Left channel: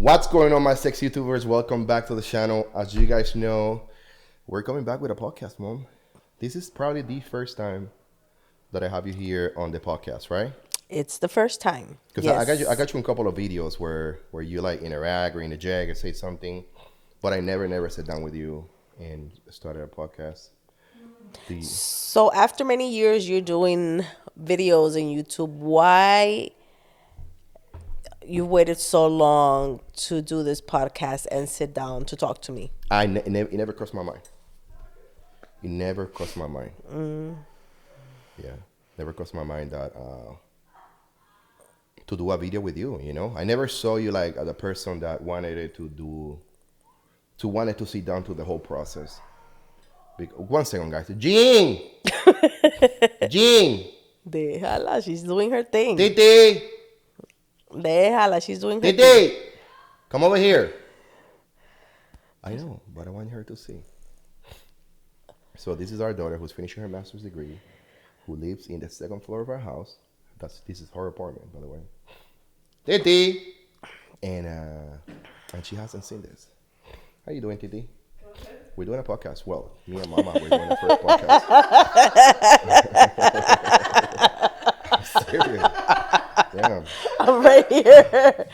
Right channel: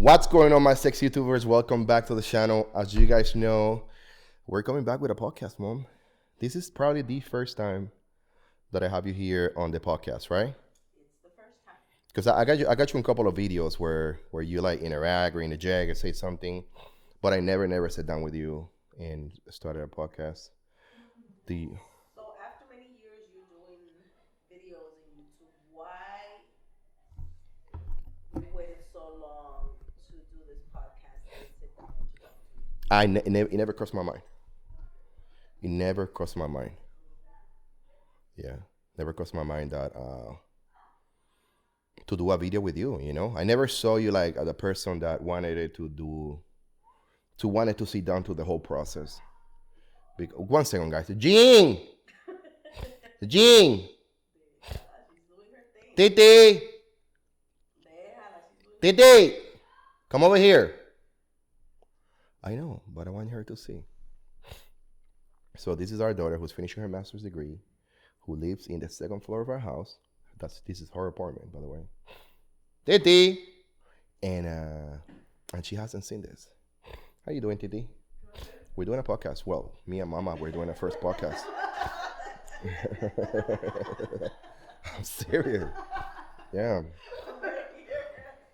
What's going on, my sex YouTubers? Welcome back to the channel. As you guys know, we're coming back with a podcast, Mom. This is probably the first time that I have you here on the podcast, right? It's the first time. Because Yes. I got you in a couple of videos where you like interact or interject or say something, but I never sat down with you and started a podcast. So after many years you're doing videos on YouTube, why you waited so long to do this podcast and sit down to talk to me? It never crossed my mind. It never crossed my mind. Yeah, never crossed my mind that to do a video with you. You know, I never saw you like as a person that wanted to sit down to the whole process. One second, guys. Jean, Jean, Déjala, she's doing her thing. Titi, Déjala, she's doing her thing. Titi, come over here. I know, but I want her to see. So this is our daughter who's finishing her master's degree, who lives in the second floor of our house. This is her apartment, by the way. Titi, and she hasn't seen this. How you doing, Titi? We're doing a podcast. Well, me and Mama, we're doing the first podcast. I'm serious. Damn. I'm right here.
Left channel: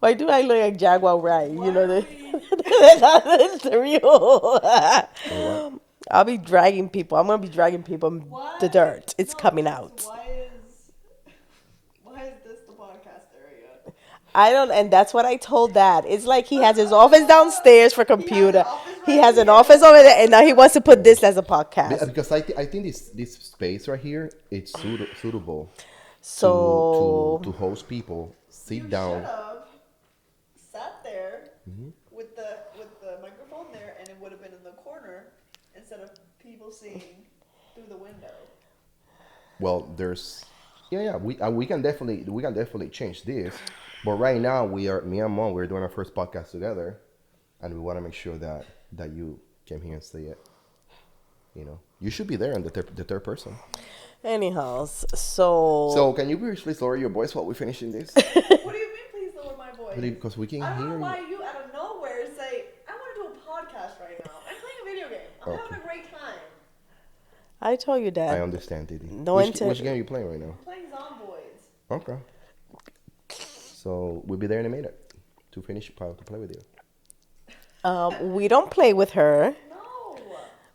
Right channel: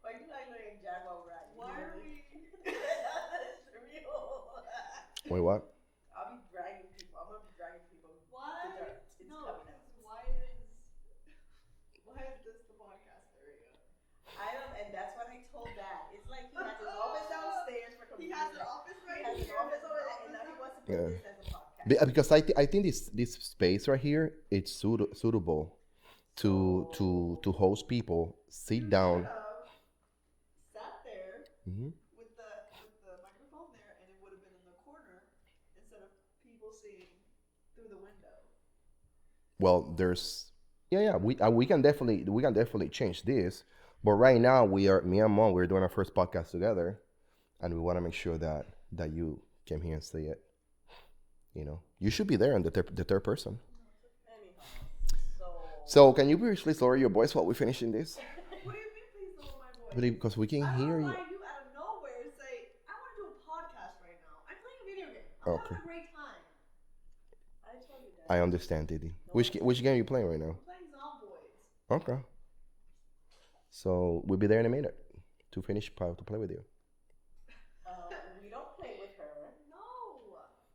Why do I look like Jaguar Ride? You know, that's real. Wait, what? I'll be dragging people. I'm going to be dragging people in the dirt. It's coming out. Why is this the podcast area? I don't, and that's what I told Dad. It's like he has his office downstairs for computer. He has an office over there, and now he wants to put this as a podcast. Because I think this space right here it's suitable So to host people, sit down. Sat there with the microphone there, and it would have been in the corner instead of people seeing through the window. Well, there's we can definitely change this, but right now me and Mom we're doing our first podcast together, and we want to make sure that you came here and see it. You know, you should be there in the third person. anyhow, so So can you please lower your voice while we're finishing this? What do you mean, please lower my voice? Because we can I don't hear know why you. you out of nowhere say, I want to do a podcast right now. I'm playing a video game. I'm Okay. having a great time. I told you, Dad. I understand, Didi. No Which game are you playing right now? I'm playing Zomboids. Okay. So we'll be there in a minute to play with you. We don't play with her.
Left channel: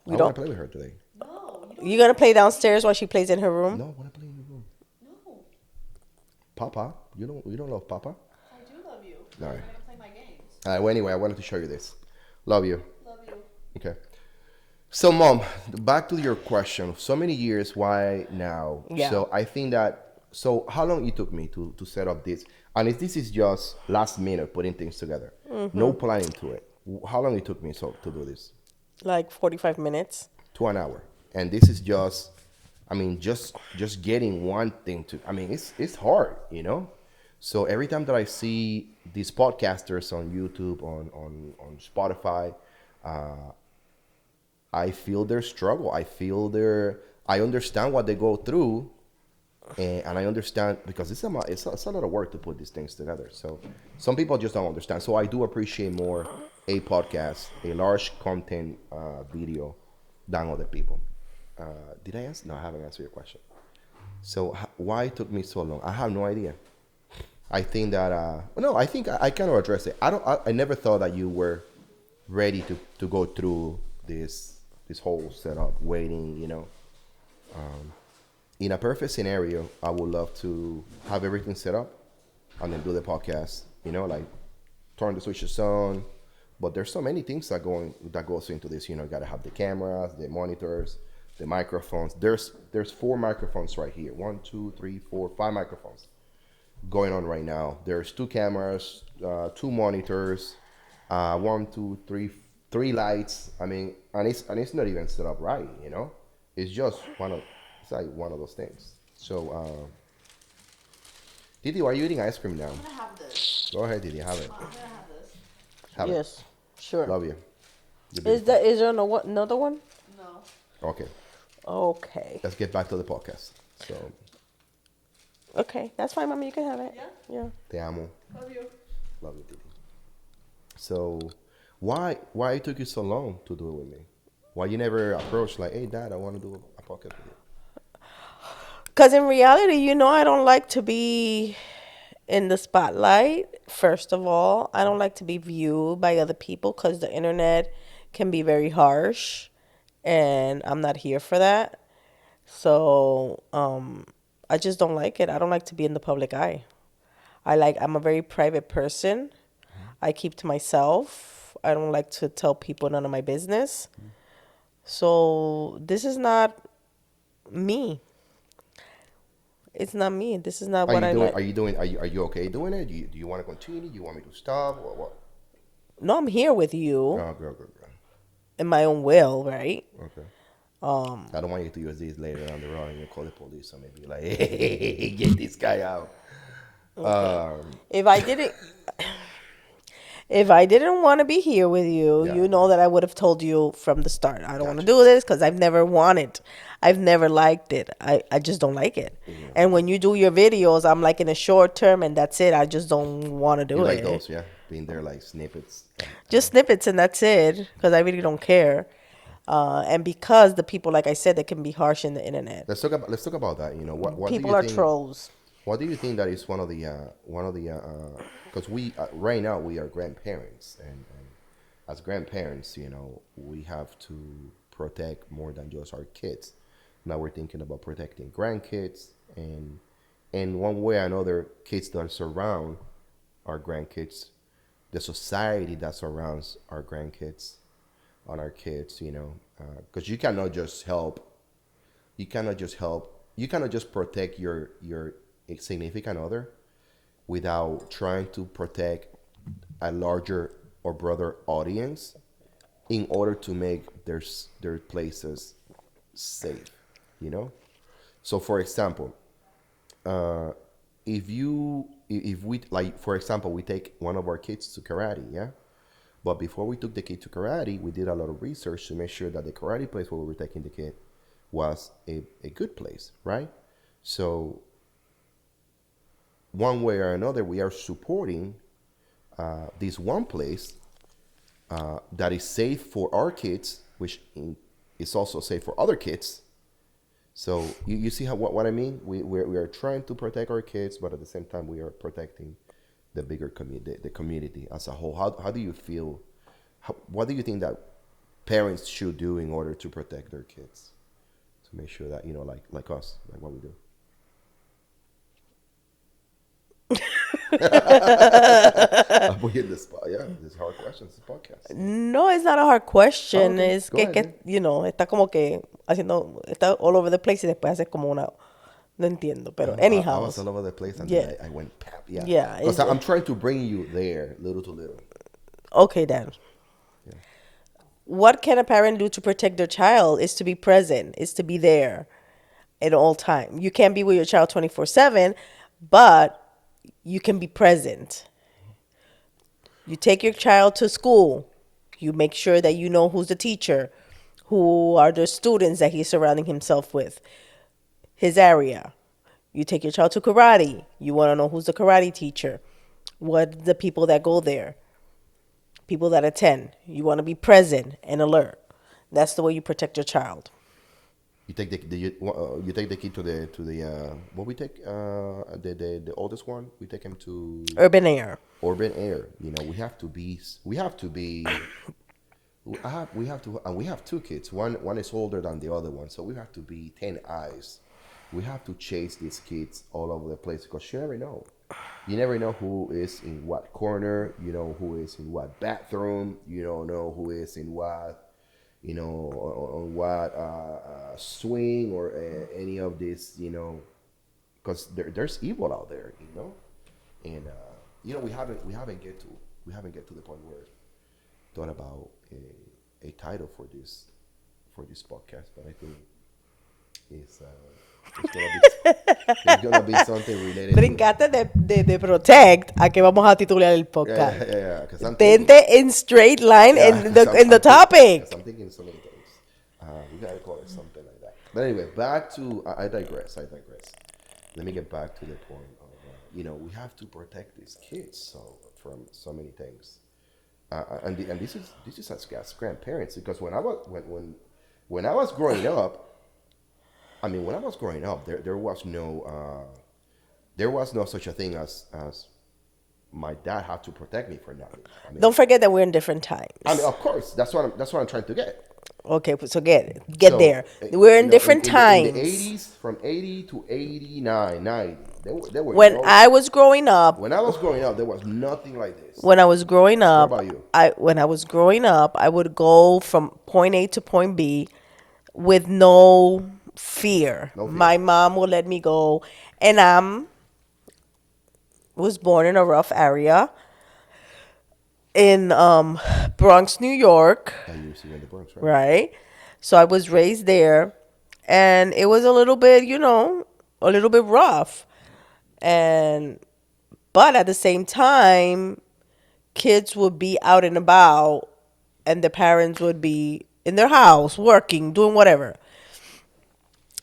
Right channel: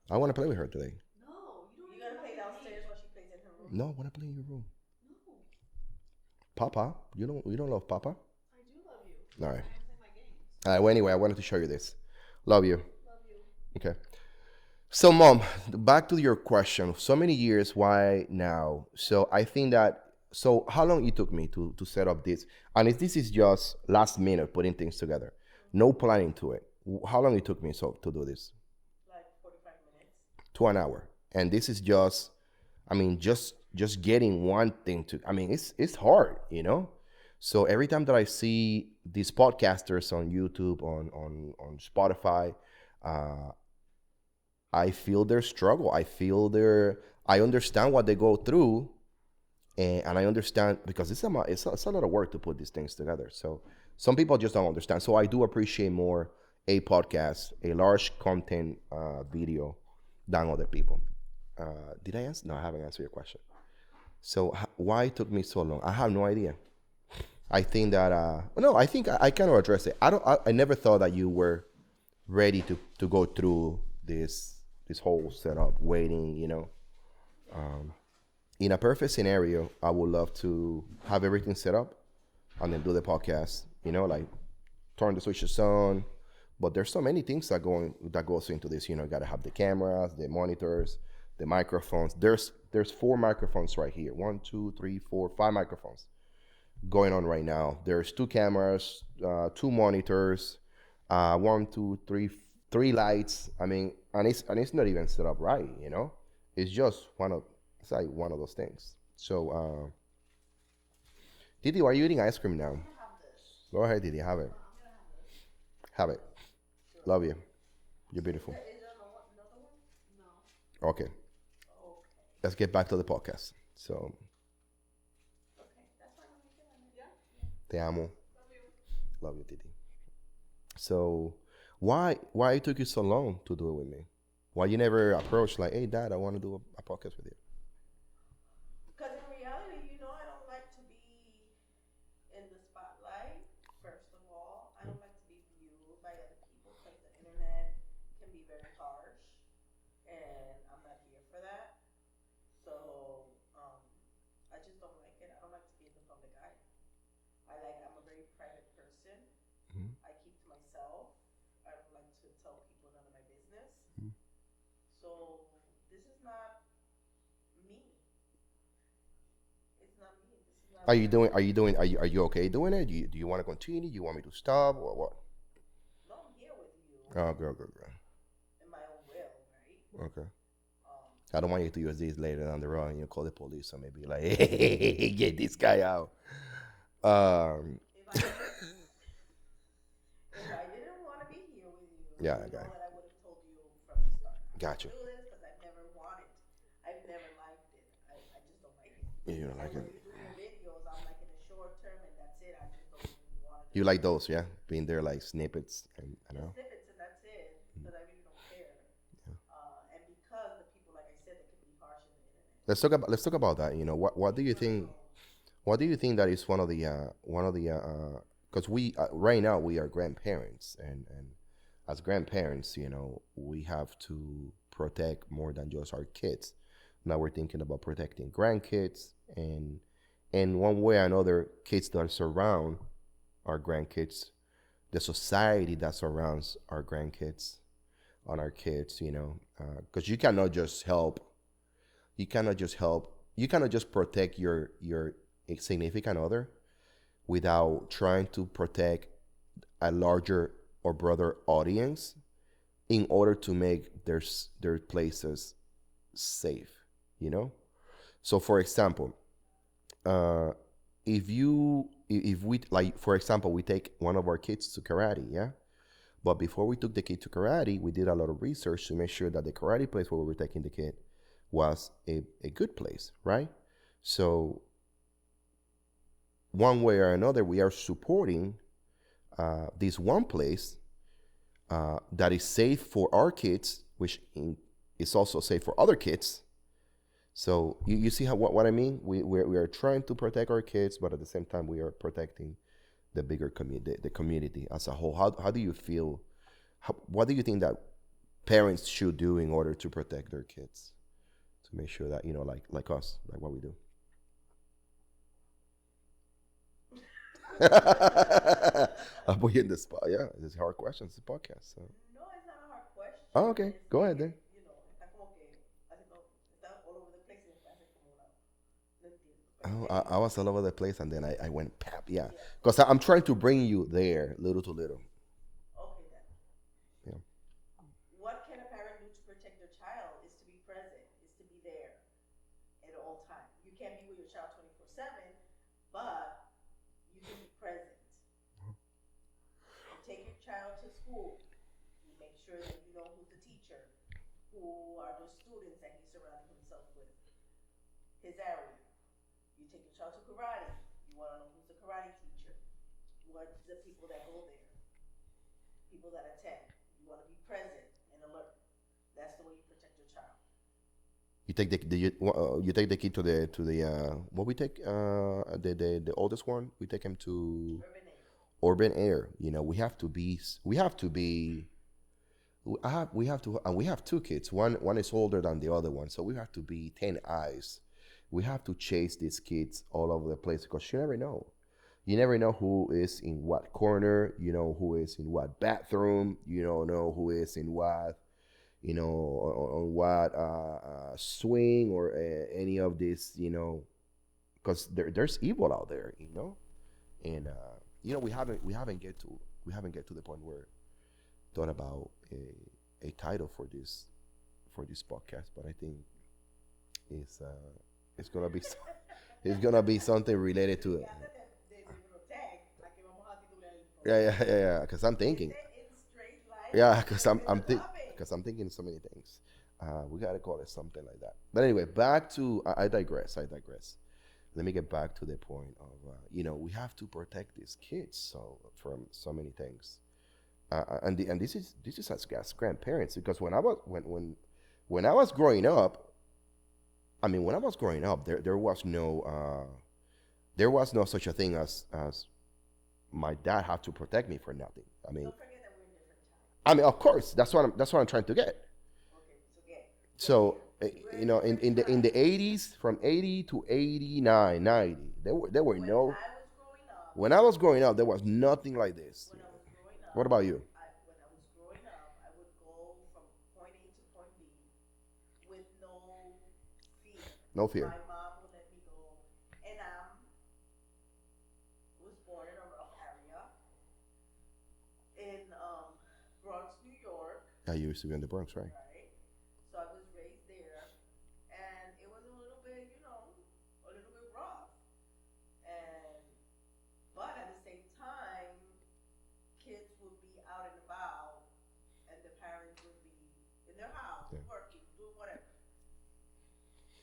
No. I want to play with her today. No. You don't. You gonna play downstairs while she plays in her room? No, I want to play in the room. No. Papa, you don't love Papa? I do love you. All right. I'm going to play my games. All right. Well, anyway, I wanted to show you this. Love you. Love you. Okay. So, Mom, back to your question. So many years, why now? Yeah. So I think that. So how long it took me to set up this? And if this is just last minute putting things together, no planning to it. How long it took me to do this? Like 45 minutes. To an hour. And this is just, I mean, just getting one thing to. I mean, it's hard, you know. So every time that I see these podcasters on YouTube, on Spotify, I feel their struggle. I understand what they go through, and I understand because it's a lot of work to put these things together. So some people just don't understand. So I do appreciate more a podcast, a large content video than other people. Did I answer? No, I haven't answered your question. So why it took me so long? I have no idea. I think that I think I kind of addressed it. I never thought that you were ready to go through this whole setup, waiting. You know, in a perfect scenario, I would love to have everything set up and then do the podcast. You know, like turn the switches on. But there's so many things that goes into this. You know, you gotta have the cameras, the monitors, the microphones. There's 4 microphones right here. 1, 2, 3, 4, 5 microphones going on right now. There's 2 cameras, 2 monitors, 1, 2, 3, 3 lights. I mean, and it's not even set up right. You know, it's just it's like one of those things. So, Didi, why are you eating ice cream now? I'm going to have this. Go ahead, Didi, have it. I'm going to have this. Have it. Yes, sure. Love you. You're Is beautiful. there another one? No. Okay, Okay. let's get back to the podcast. So, Okay, that's fine, Mommy. You can have it. Yeah? Yeah. te amo. Love you. Love you, Didi. So why it took you so long to do it with me? Why you never approached like, hey, Dad, I want to do a podcast with you? Because in reality, I don't like to be in the spotlight. First of all, I don't like to be viewed by other people because the internet can be very harsh, and I'm not here for that. So, I just don't like it. I don't like to be in the public eye. I'm a very private person. I keep to myself. I don't like to tell people none of my business. So this is not me. It's not me. This is not Are what you I doing? like. Are you okay doing it? Do you want to continue? Do you want me to stop or what? No, I'm here with you Oh, girl, girl, girl. in my own will, right? Okay. Um, I don't want you to use these later down the road and you call the police or maybe like, hey, get this guy out. if I didn't, if I didn't want to be here with you, Yeah, you know that I would have told you from the start. I don't want to gotcha. do this because I've never wanted. I've never liked it. I just don't like it. Yeah, And when you do your videos, I'm like in a short term and that's it. I just don't want to you do like it. those, yeah? Being there like snippets. Just snippets and that's it because I really don't care. And because the people, like I said, they can be harsh in the internet. Let's talk about that. You know, what do People you are think? trolls. What do you think that is one of the because we right now we are grandparents and as grandparents, we have to protect more than just our kids. Now we're thinking about protecting grandkids and one way or another, kids that surround our grandkids, the society that surrounds our grandkids on our kids, because you cannot just protect your significant other without trying to protect a larger or broader audience in order to make their places safe, you know. So for example, if we, like, for example, we take one of our kids to karate, yeah. But before we took the kid to karate, we did a lot of research to make sure that the karate place where we were taking the kid was a good place, right? So one way or another, we are supporting this one place that is safe for our kids, which is also safe for other kids. So you see what I mean? We are trying to protect our kids, but at the same time, we are protecting the bigger community, the community as a whole. How do you feel? What do you think that parents should do in order to protect their kids, to make sure that like us, like what we do? I put you in the spot. Yeah, this is hard questions. This podcast. Yeah. No, it's not a hard Oh, question. okay, Es go que, ahead then. está como que está all over the place y después hace como una, no entiendo, pero I anyhow. was all over the place, and Yeah. then I went pap. Yeah, Yeah, because I'm trying to bring you there, little to little. Okay, Dan. Yeah. What can a parent do to protect their child is to be present, is to be there at all time. You can't be with your child 24/7, but you can be present. You take your child to school. You make sure that you know who's the teacher, who are the students that he's surrounding himself with, his area. You take your child to karate. You want to know who's the karate teacher, what the people that go there, people that attend. You want to be present and alert. That's the way you protect your child. You take you take the kid to the what we take the oldest one. We take him to Urban air. urban air. We have two kids. One is older than the other one, so we have to be 10 eyes. We have to chase these kids all over the place because you never know. You never know who is in what corner. You know who is in what bathroom. You don't know who is in what on what swing or any of this. Because there's evil out there. And we haven't get to the point where thought about a title for this podcast, but I think it's it's gonna be something related to Brincate de protect a que vamos a titular el podcast. yeah because I'm thinking Tente in straight line yeah in 'cause the topic. because I'm thinking so many things. We gotta call it something like that. But anyway, back to I digress. Let me get back to the point of we have to protect these kids from so many things. And this is as grandparents, because when I was growing up, I mean, when I was growing up, there was no such a thing as my dad had to protect me for nothing. Don't forget that we're in different I mean, times. of course, that's what I'm trying to get. Okay, so get So, there. We're in in, different in the times. 80s, from 80 to 89, 90, there were When no. I was growing up, When I was growing up, there was nothing like this. when I was growing What up, about you? I would go from point A to point B with no fear. No fear. My mom would let me go, and was born in a rough area in Bronx, New York, Yeah, you used to be in the Bronx, right? right? So I was raised there, and it was a little bit, a little bit rough. And but at the same time, kids would be out and about, and the parents would be in their house working, doing whatever.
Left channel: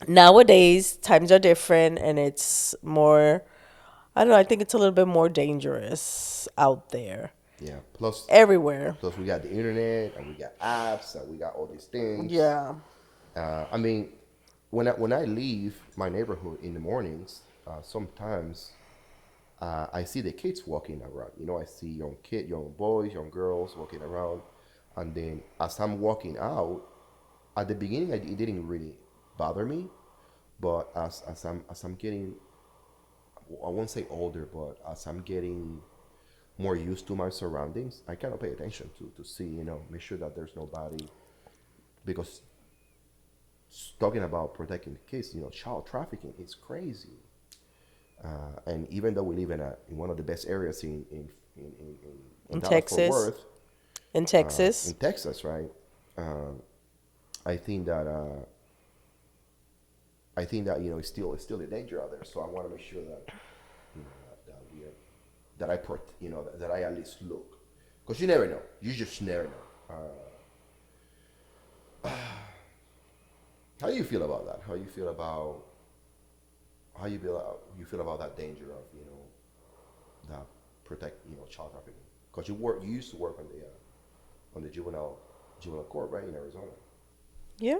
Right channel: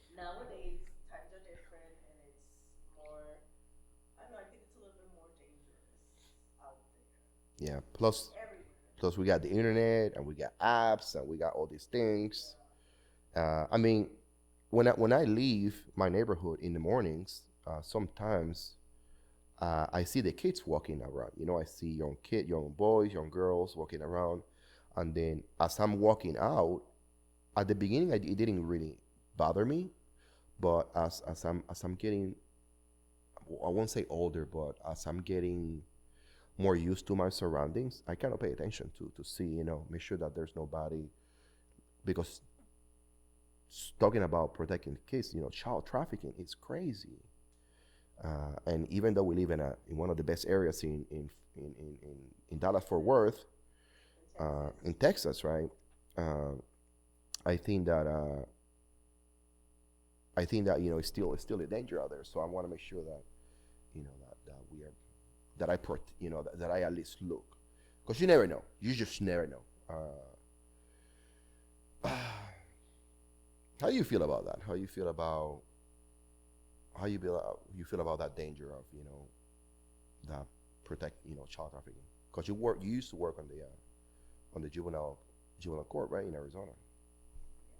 Nowadays, times are different, and it's more, I don't know, I think it's a little bit more dangerous out there, Yeah. Plus, everywhere. plus we got the internet and we got apps and we got all these things. Yeah. I mean, when I leave my neighborhood in the mornings, sometimes I see the kids walking around. I see young boys, young girls walking around, and then as I'm walking out, at the beginning, it didn't really bother me, but as I'm getting, I won't say older, but as I'm getting more used to my surroundings, I kind of pay attention to see, make sure that there's nobody, because talking about protecting kids, child trafficking is crazy. And even though we live in one of the best areas in In Dallas Fort Texas. Worth, In Texas. in Texas, right? Uh, I think that it's still a danger out there. So I want to make sure that that we are that I at least look, because you never know. You just never know. How do you feel about that? How you feel about that danger of that protect child trafficking? Because you used to work on the juvenile court, right, in Arizona. Yeah.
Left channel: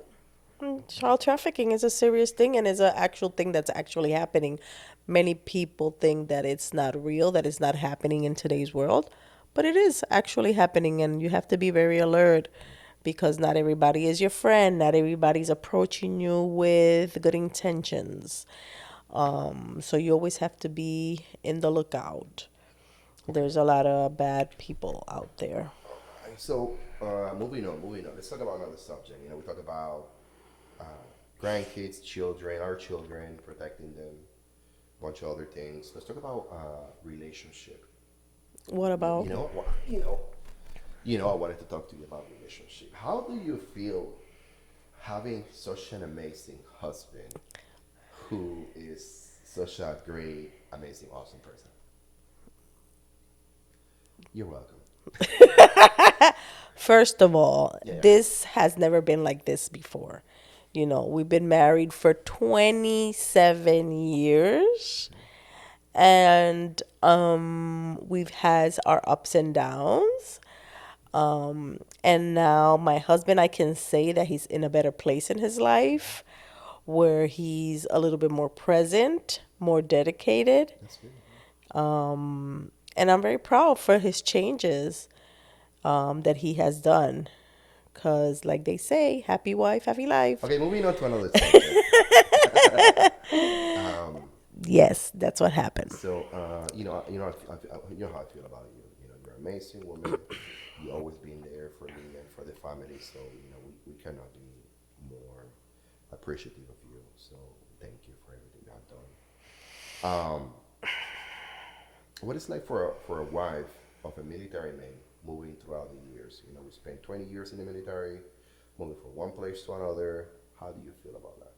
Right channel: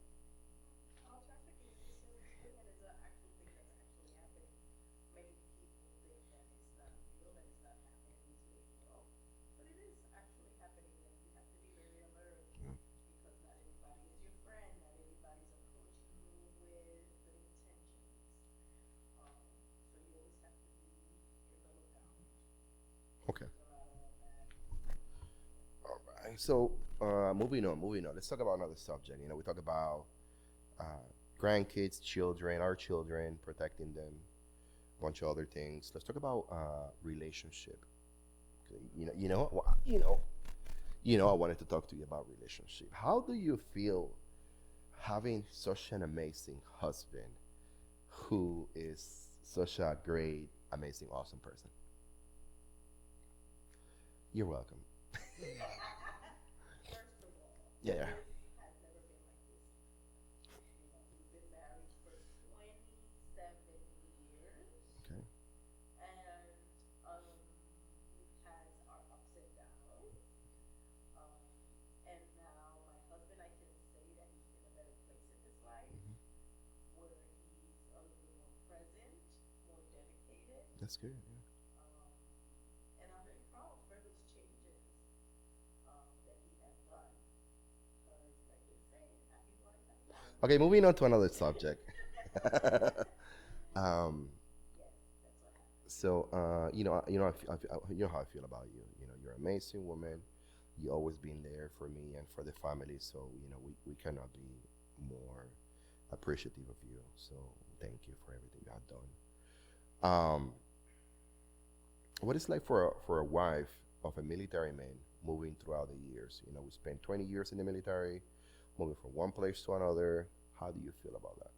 Child trafficking is a serious thing, and is an actual thing that's actually happening. Many people think that it's not real, that it's not happening in today's world, but it is actually happening, and you have to be very alert because not everybody is your friend. Not everybody's approaching you with good intentions. So you always have to be in the lookout. Okay. There's a lot of bad people out there. Right. So moving on. Let's talk about another subject. We talk about uh, grandkids, children, our children, protecting them, a bunch of other things. Let's talk about relationship. What about? I wanted to talk to you about relationship. How do you feel having such an amazing husband who is such a great, amazing, awesome person? You're welcome. First of all, Yeah, yeah. this has never been like this before. We've been married for 27 years, and we've had our ups and downs. And now my husband, I can say that he's in a better place in his life where he's a little bit more present, more dedicated. That's good. And I'm very proud for his changes that he has done. Because, like they say, happy wife, happy life. Okay, moving on to another subject. Yes, that's what happened. So, you know how I feel about you. You're an amazing woman. You always been there for me and for the family. So, we cannot be more appreciative of you. So, thank you for everything you have done. What it's like for a wife of a military man moving throughout the years? We spent 20 years in the military, moving from one place to another. How do you feel about that?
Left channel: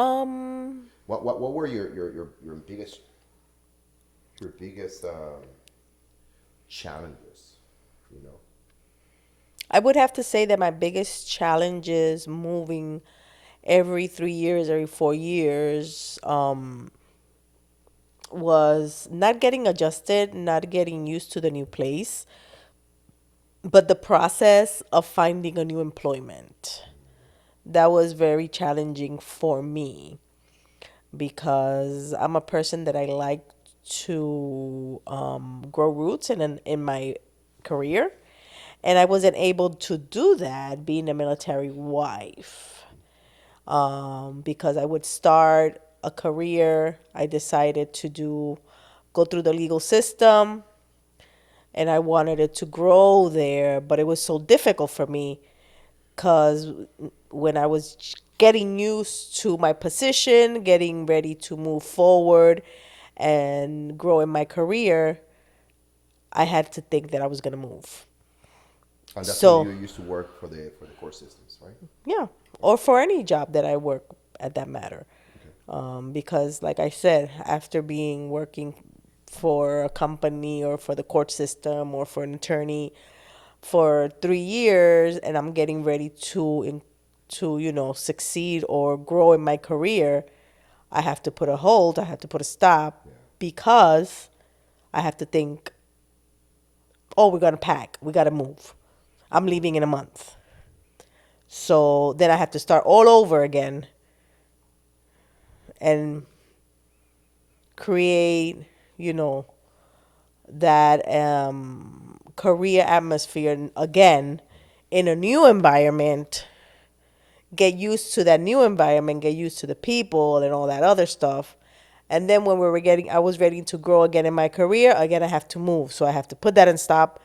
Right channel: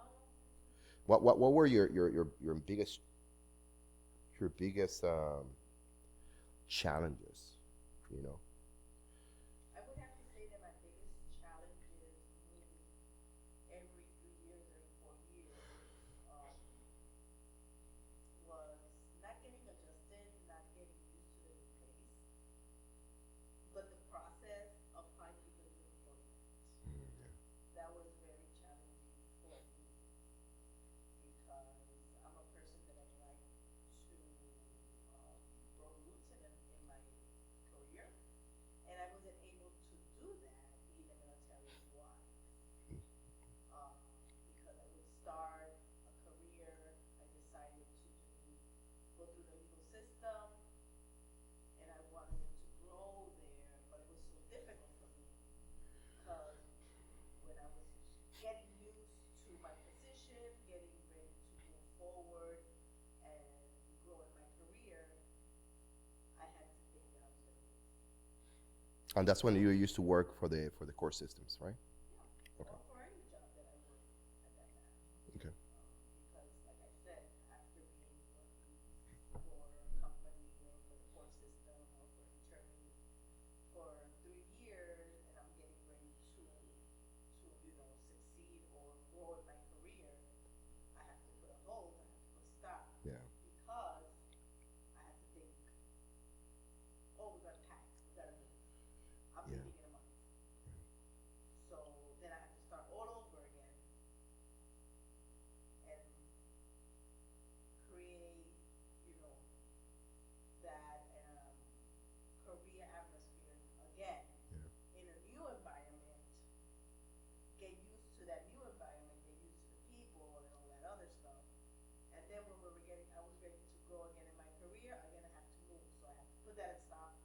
Um, What were your biggest challenges? You know. I would have to say that my biggest challenge is moving every 3 years, every 4 years, was not getting adjusted, not getting used to the new place. but the process of finding a new employment, that was very challenging for me because I'm a person that I like to grow roots in my career, and I wasn't able to do that being a military wife, because I would start a career. I decided to go through the legal system, and I wanted it to grow there, but it was so difficult for me because when I was getting used to my position, getting ready to move forward and grow in my career, I had to think that I was going to move. And that's when you So, used to work for the core systems, right? yeah, or for any job that I work at that matter. Okay. Because, like I said, after being working for a company or for the court system or for an attorney for 3 years, and I'm getting ready to succeed or grow in my career, I have to put a hold. I have to put a stop Yeah. because I have to think. Oh, we're gonna pack. We gotta move. I'm leaving in a month. So then I have to start all over again and create, you know, that career atmosphere again in a new environment, get used to that new environment, get used to the people and all that other stuff. And then when I was ready to grow again in my career, again, I have to move. So I have to put that and stop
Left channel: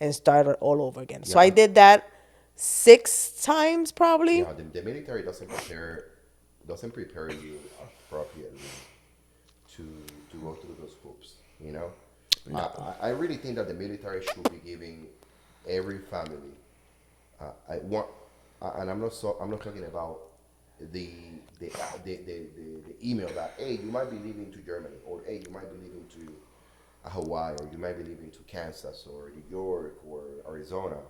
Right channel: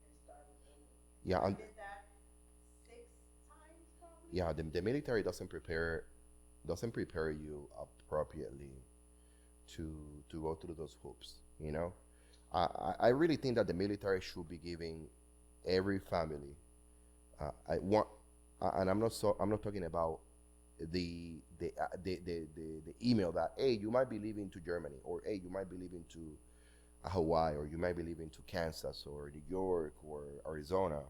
and start it all over again. So Yeah. I did that 6 times probably. Yeah. The military doesn't prepare you appropriately to go through those hoops. You know, I really think that the military should be giving every family. I want, and I'm not talking about the the email that, hey, you might be leaving to Germany, or hey, you might be leaving to Hawaii, or you might be leaving to Kansas or New York or Arizona.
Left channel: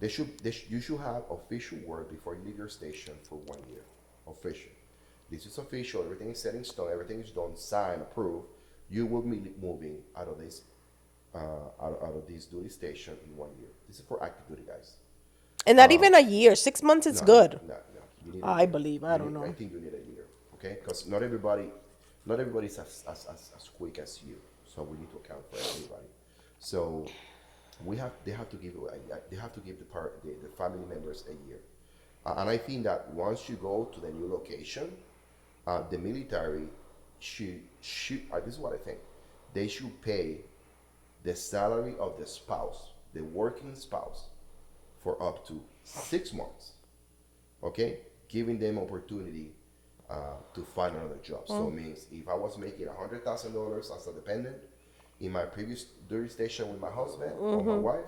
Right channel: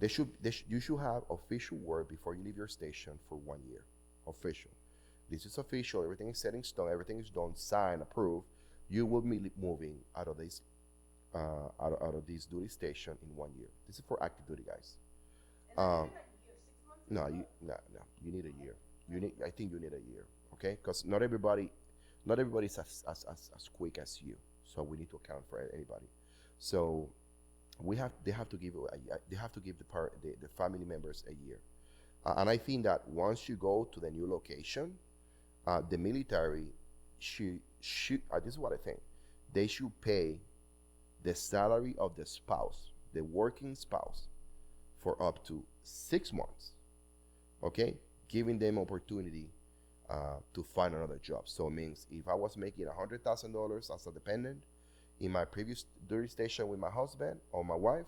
You should have official word before you leave your station for 1 year. Official. This is official. Everything is set in stone. Everything is done, signed, approved. You will be moving out of this out of this duty station in 1 year. This is for active duty guys. And not even a year, 6 months is No, good. no, no. You need a I year. believe. I You don't need. I know. think you need a year. Okay, because not everybody's as quick as you. So we need to account for everybody. So they have to give they have to give the family members a year. And I think that once you go to the new location, the military should this is what I think, they should pay the salary of the spouse, the working spouse, for up to 6 months. Okay, giving them opportunity to find another job. So it means if I was making $100,000 as a dependent in my previous duty station with my husband or my wife,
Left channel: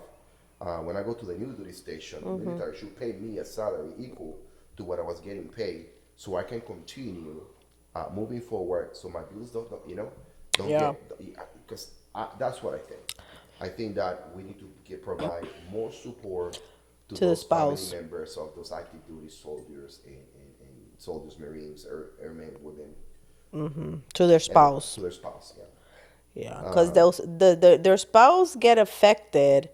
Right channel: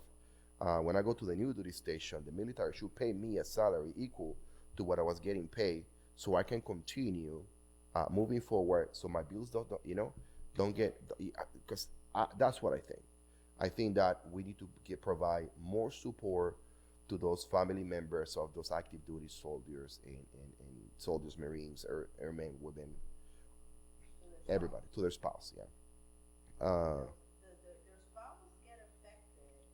when I go to the new duty station, the military should pay me a salary equal to what I was getting paid, so I can continue moving forward. So my bills don't Yeah. get, because that's what I think. I think that we need to provide more support to To the those family spouse. members of those active duty soldiers and soldiers, Marines, airmen, women, To their everybody, spouse. to their spouse. Yeah. Yeah, because their spouse get affected.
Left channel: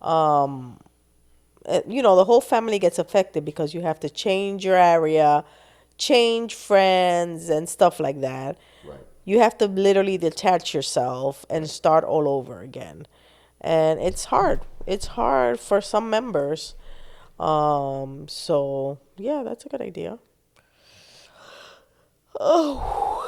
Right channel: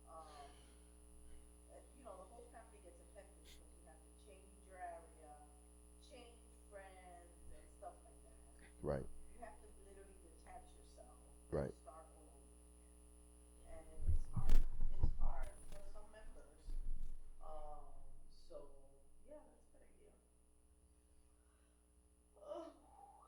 The whole family gets affected because you have to change your area, change friends and stuff like that. Right. You have to literally detach yourself and Right. start all over again. And it's hard. It's hard for some members. So yeah, that's a good idea. Oh,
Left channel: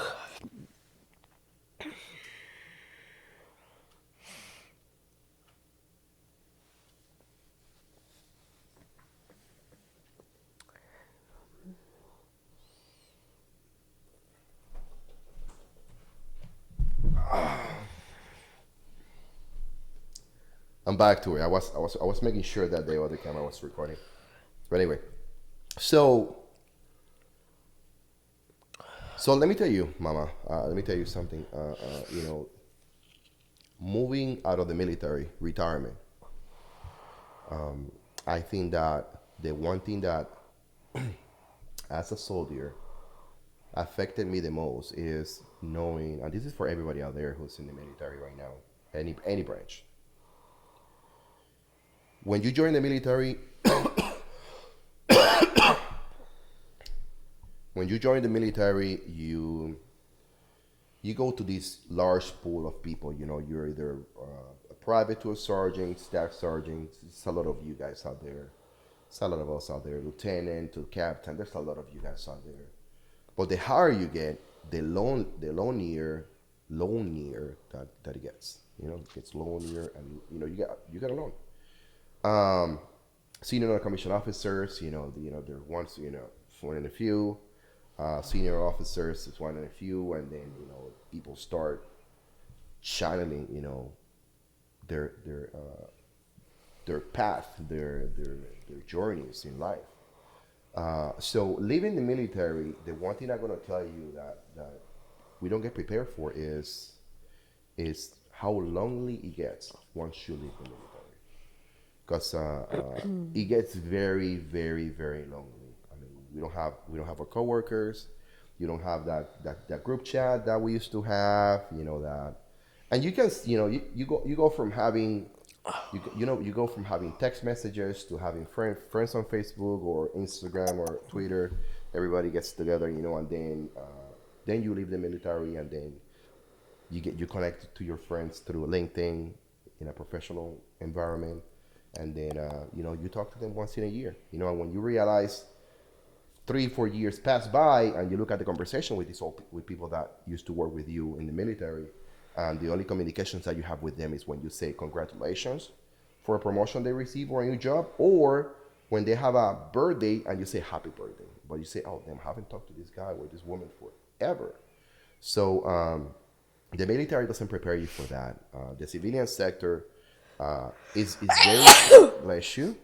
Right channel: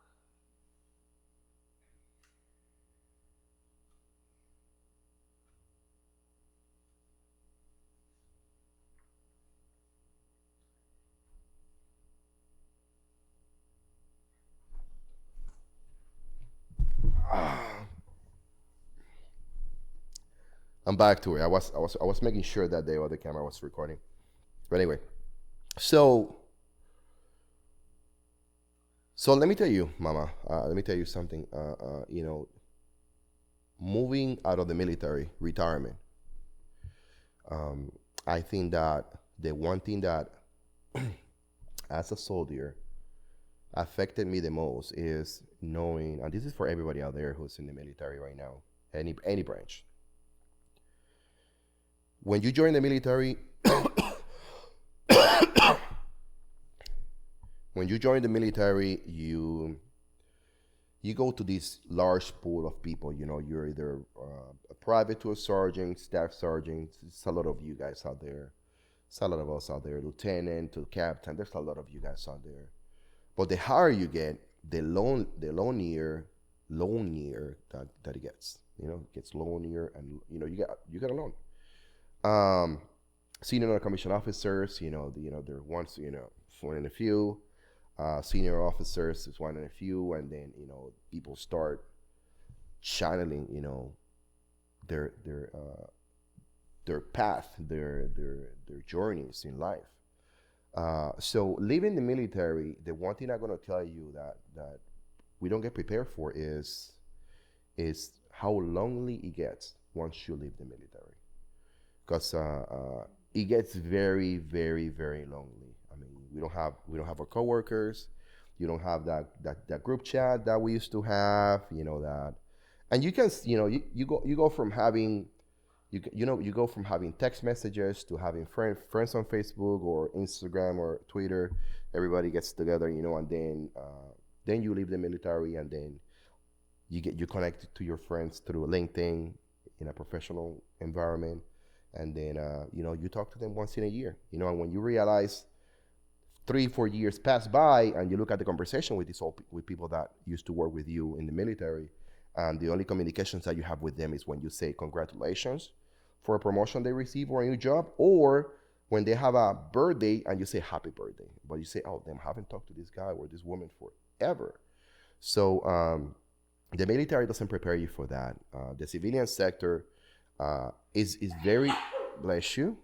I'm back to it. I was making sure that the other camera was recording. But anyway, so let me tell you, Mama. Let me tell you something. Moving out of the military, retirement. I think that the one thing that, as a soldier, affected me the most is knowing, and this is for everybody out there who's in the military right now, any branch. when you join the military, when you join the military, you go to this large pool of people. You know, you're either a private to a sergeant, staff sergeant. It's a lot of you guys out there. It's a lot of us out there, lieutenant to captain. There's a lot of you guys out there. But the higher you get, the lonelier that it gets. You know, it gets lonelier, and you get alone. Um, Senior non-commissioned officers, they're once, one in a few. Senior officers is one in a few, and then people start channeling, their path, their journeys in life. So leaving the military, the one thing I'm gonna tell you that we don't get prepared for is how lonely it gets once you leave the military, because it gets very, very, very lonely. I mean, we don't have our coworkers. You don't have that group chat that we used to have. That, and you can you go from having you go from having text messages to having friends on Facebook or Instagram or Twitter. Everybody gets together, and then you leave the military, and then you connect to your friends through LinkedIn in a professional environment, and then you talk to them once in a year, and when you realize 3 4 years pass by, and you look at the conversation with with people that used to work with you in the military, and the only communications that you have with them is when you say congratulations for a promotion they receive or a new job, or when they have a birthday and you say happy birthday, but you say, oh, damn, I haven't talked to this guy or this woman forever. So the military doesn't prepare you for that. The civilian sector is very bless you.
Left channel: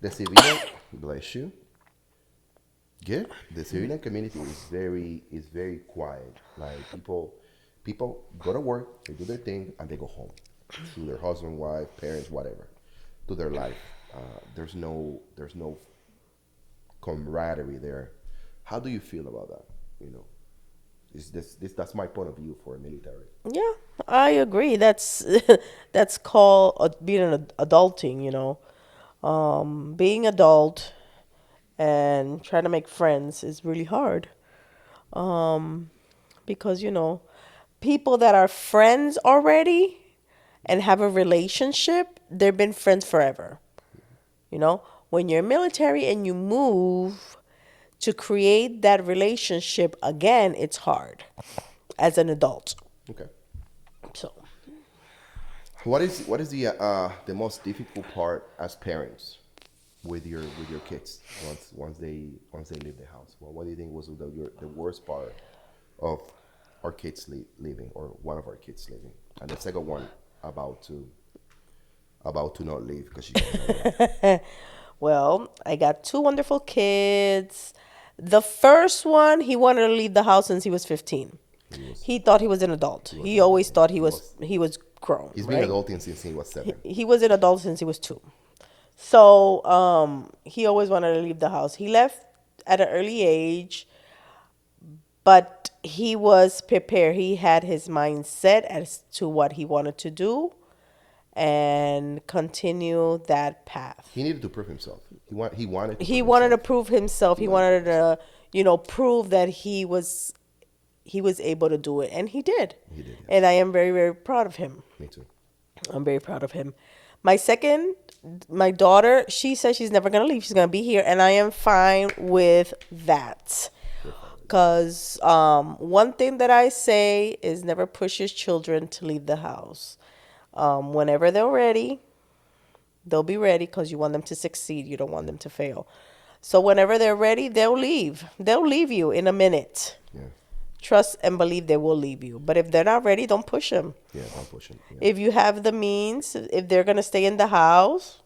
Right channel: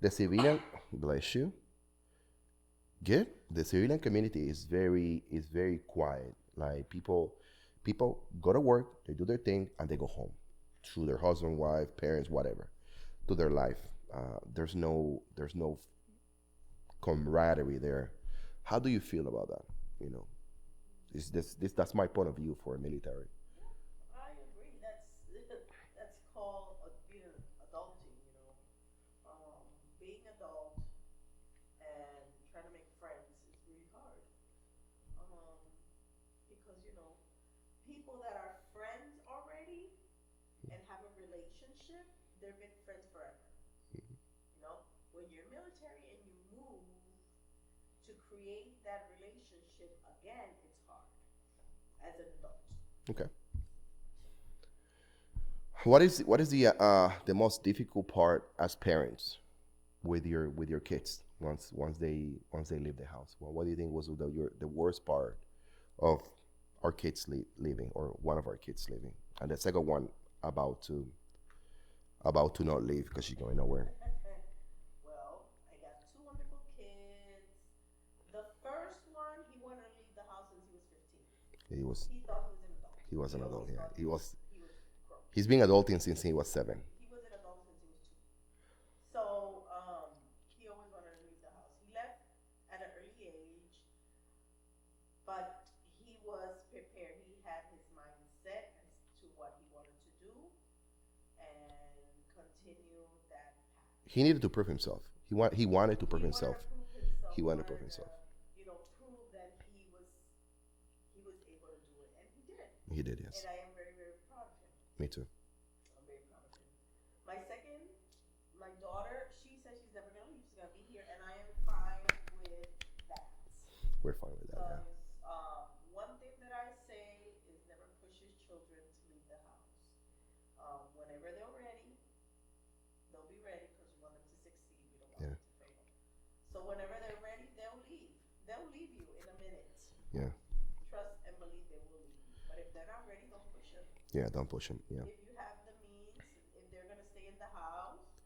The civilian bless you. Good. The civilian community is very quiet. Like people go to work, they do their thing, and they go home to their husband, wife, parents, whatever, to their life. There's no camaraderie there. How do you feel about that? You know, that's my point of view for a military. Yeah, I agree. That's that's called being an adulting. Being adult and trying to make friends is really hard. Because people that are friends already and have a relationship, they've been friends forever. You know, when you're military and you move to create that relationship again, it's hard as an adult. Okay. So, What is the most difficult part as parents with your kids once they leave the house? Well, what do you think was the worst part of our kids leaving, or one of our kids leaving, and the second one about to not leave because she's going nowhere? well, I got two wonderful kids. The first one, he wanted to leave the house since he was 15. He was He thought he was an adult. he was He an always adult. thought He was he was grown, he's been right? adulting since he was 7. He was an adult since he was 2. So he always wanted to leave the house. He left at an early age, but he was prepared. He had his mind set as to what he wanted to do and continue that path. He needed to prove himself. He wanted to He prove wanted to himself. prove himself. He He wanted to prove wanted himself. to, prove that he was able to do it, and he did. He did, yes. And I am very, very proud of him. Me too. I'm very proud of him. My second, my daughter, she says she's never gonna leave. She's gonna be here, and I am fine with that. We're fine with that. Cause one thing that I say is never push your children to leave the house. Whenever they're ready, they'll be ready because you want them to succeed. You don't want them to fail. So whenever they're ready, they'll leave. They'll leave you in a minute. Yeah. Trust and believe they will leave you. But if they're not ready, don't push them. Yeah. Don't push him. Yeah. If you have the means, if they're gonna stay in the house,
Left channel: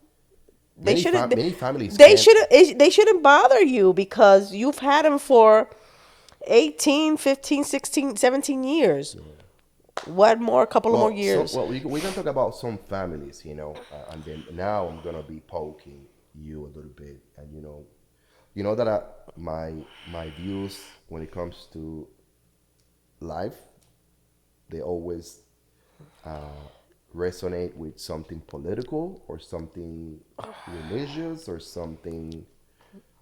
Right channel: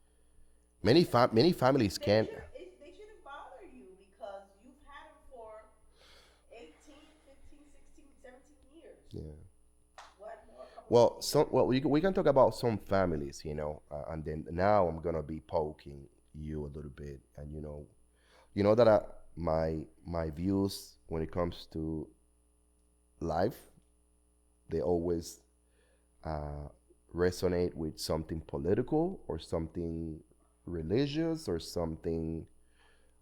they shouldn't. Many families They can't. shouldn't. They shouldn't bother you because you've had them for 18, 15, 16, 17 years. What more? A couple of more years. We can talk about some families, and then now I'm gonna be poking you a little bit, and that my views when it comes to life, they always resonate with something political or something religious or something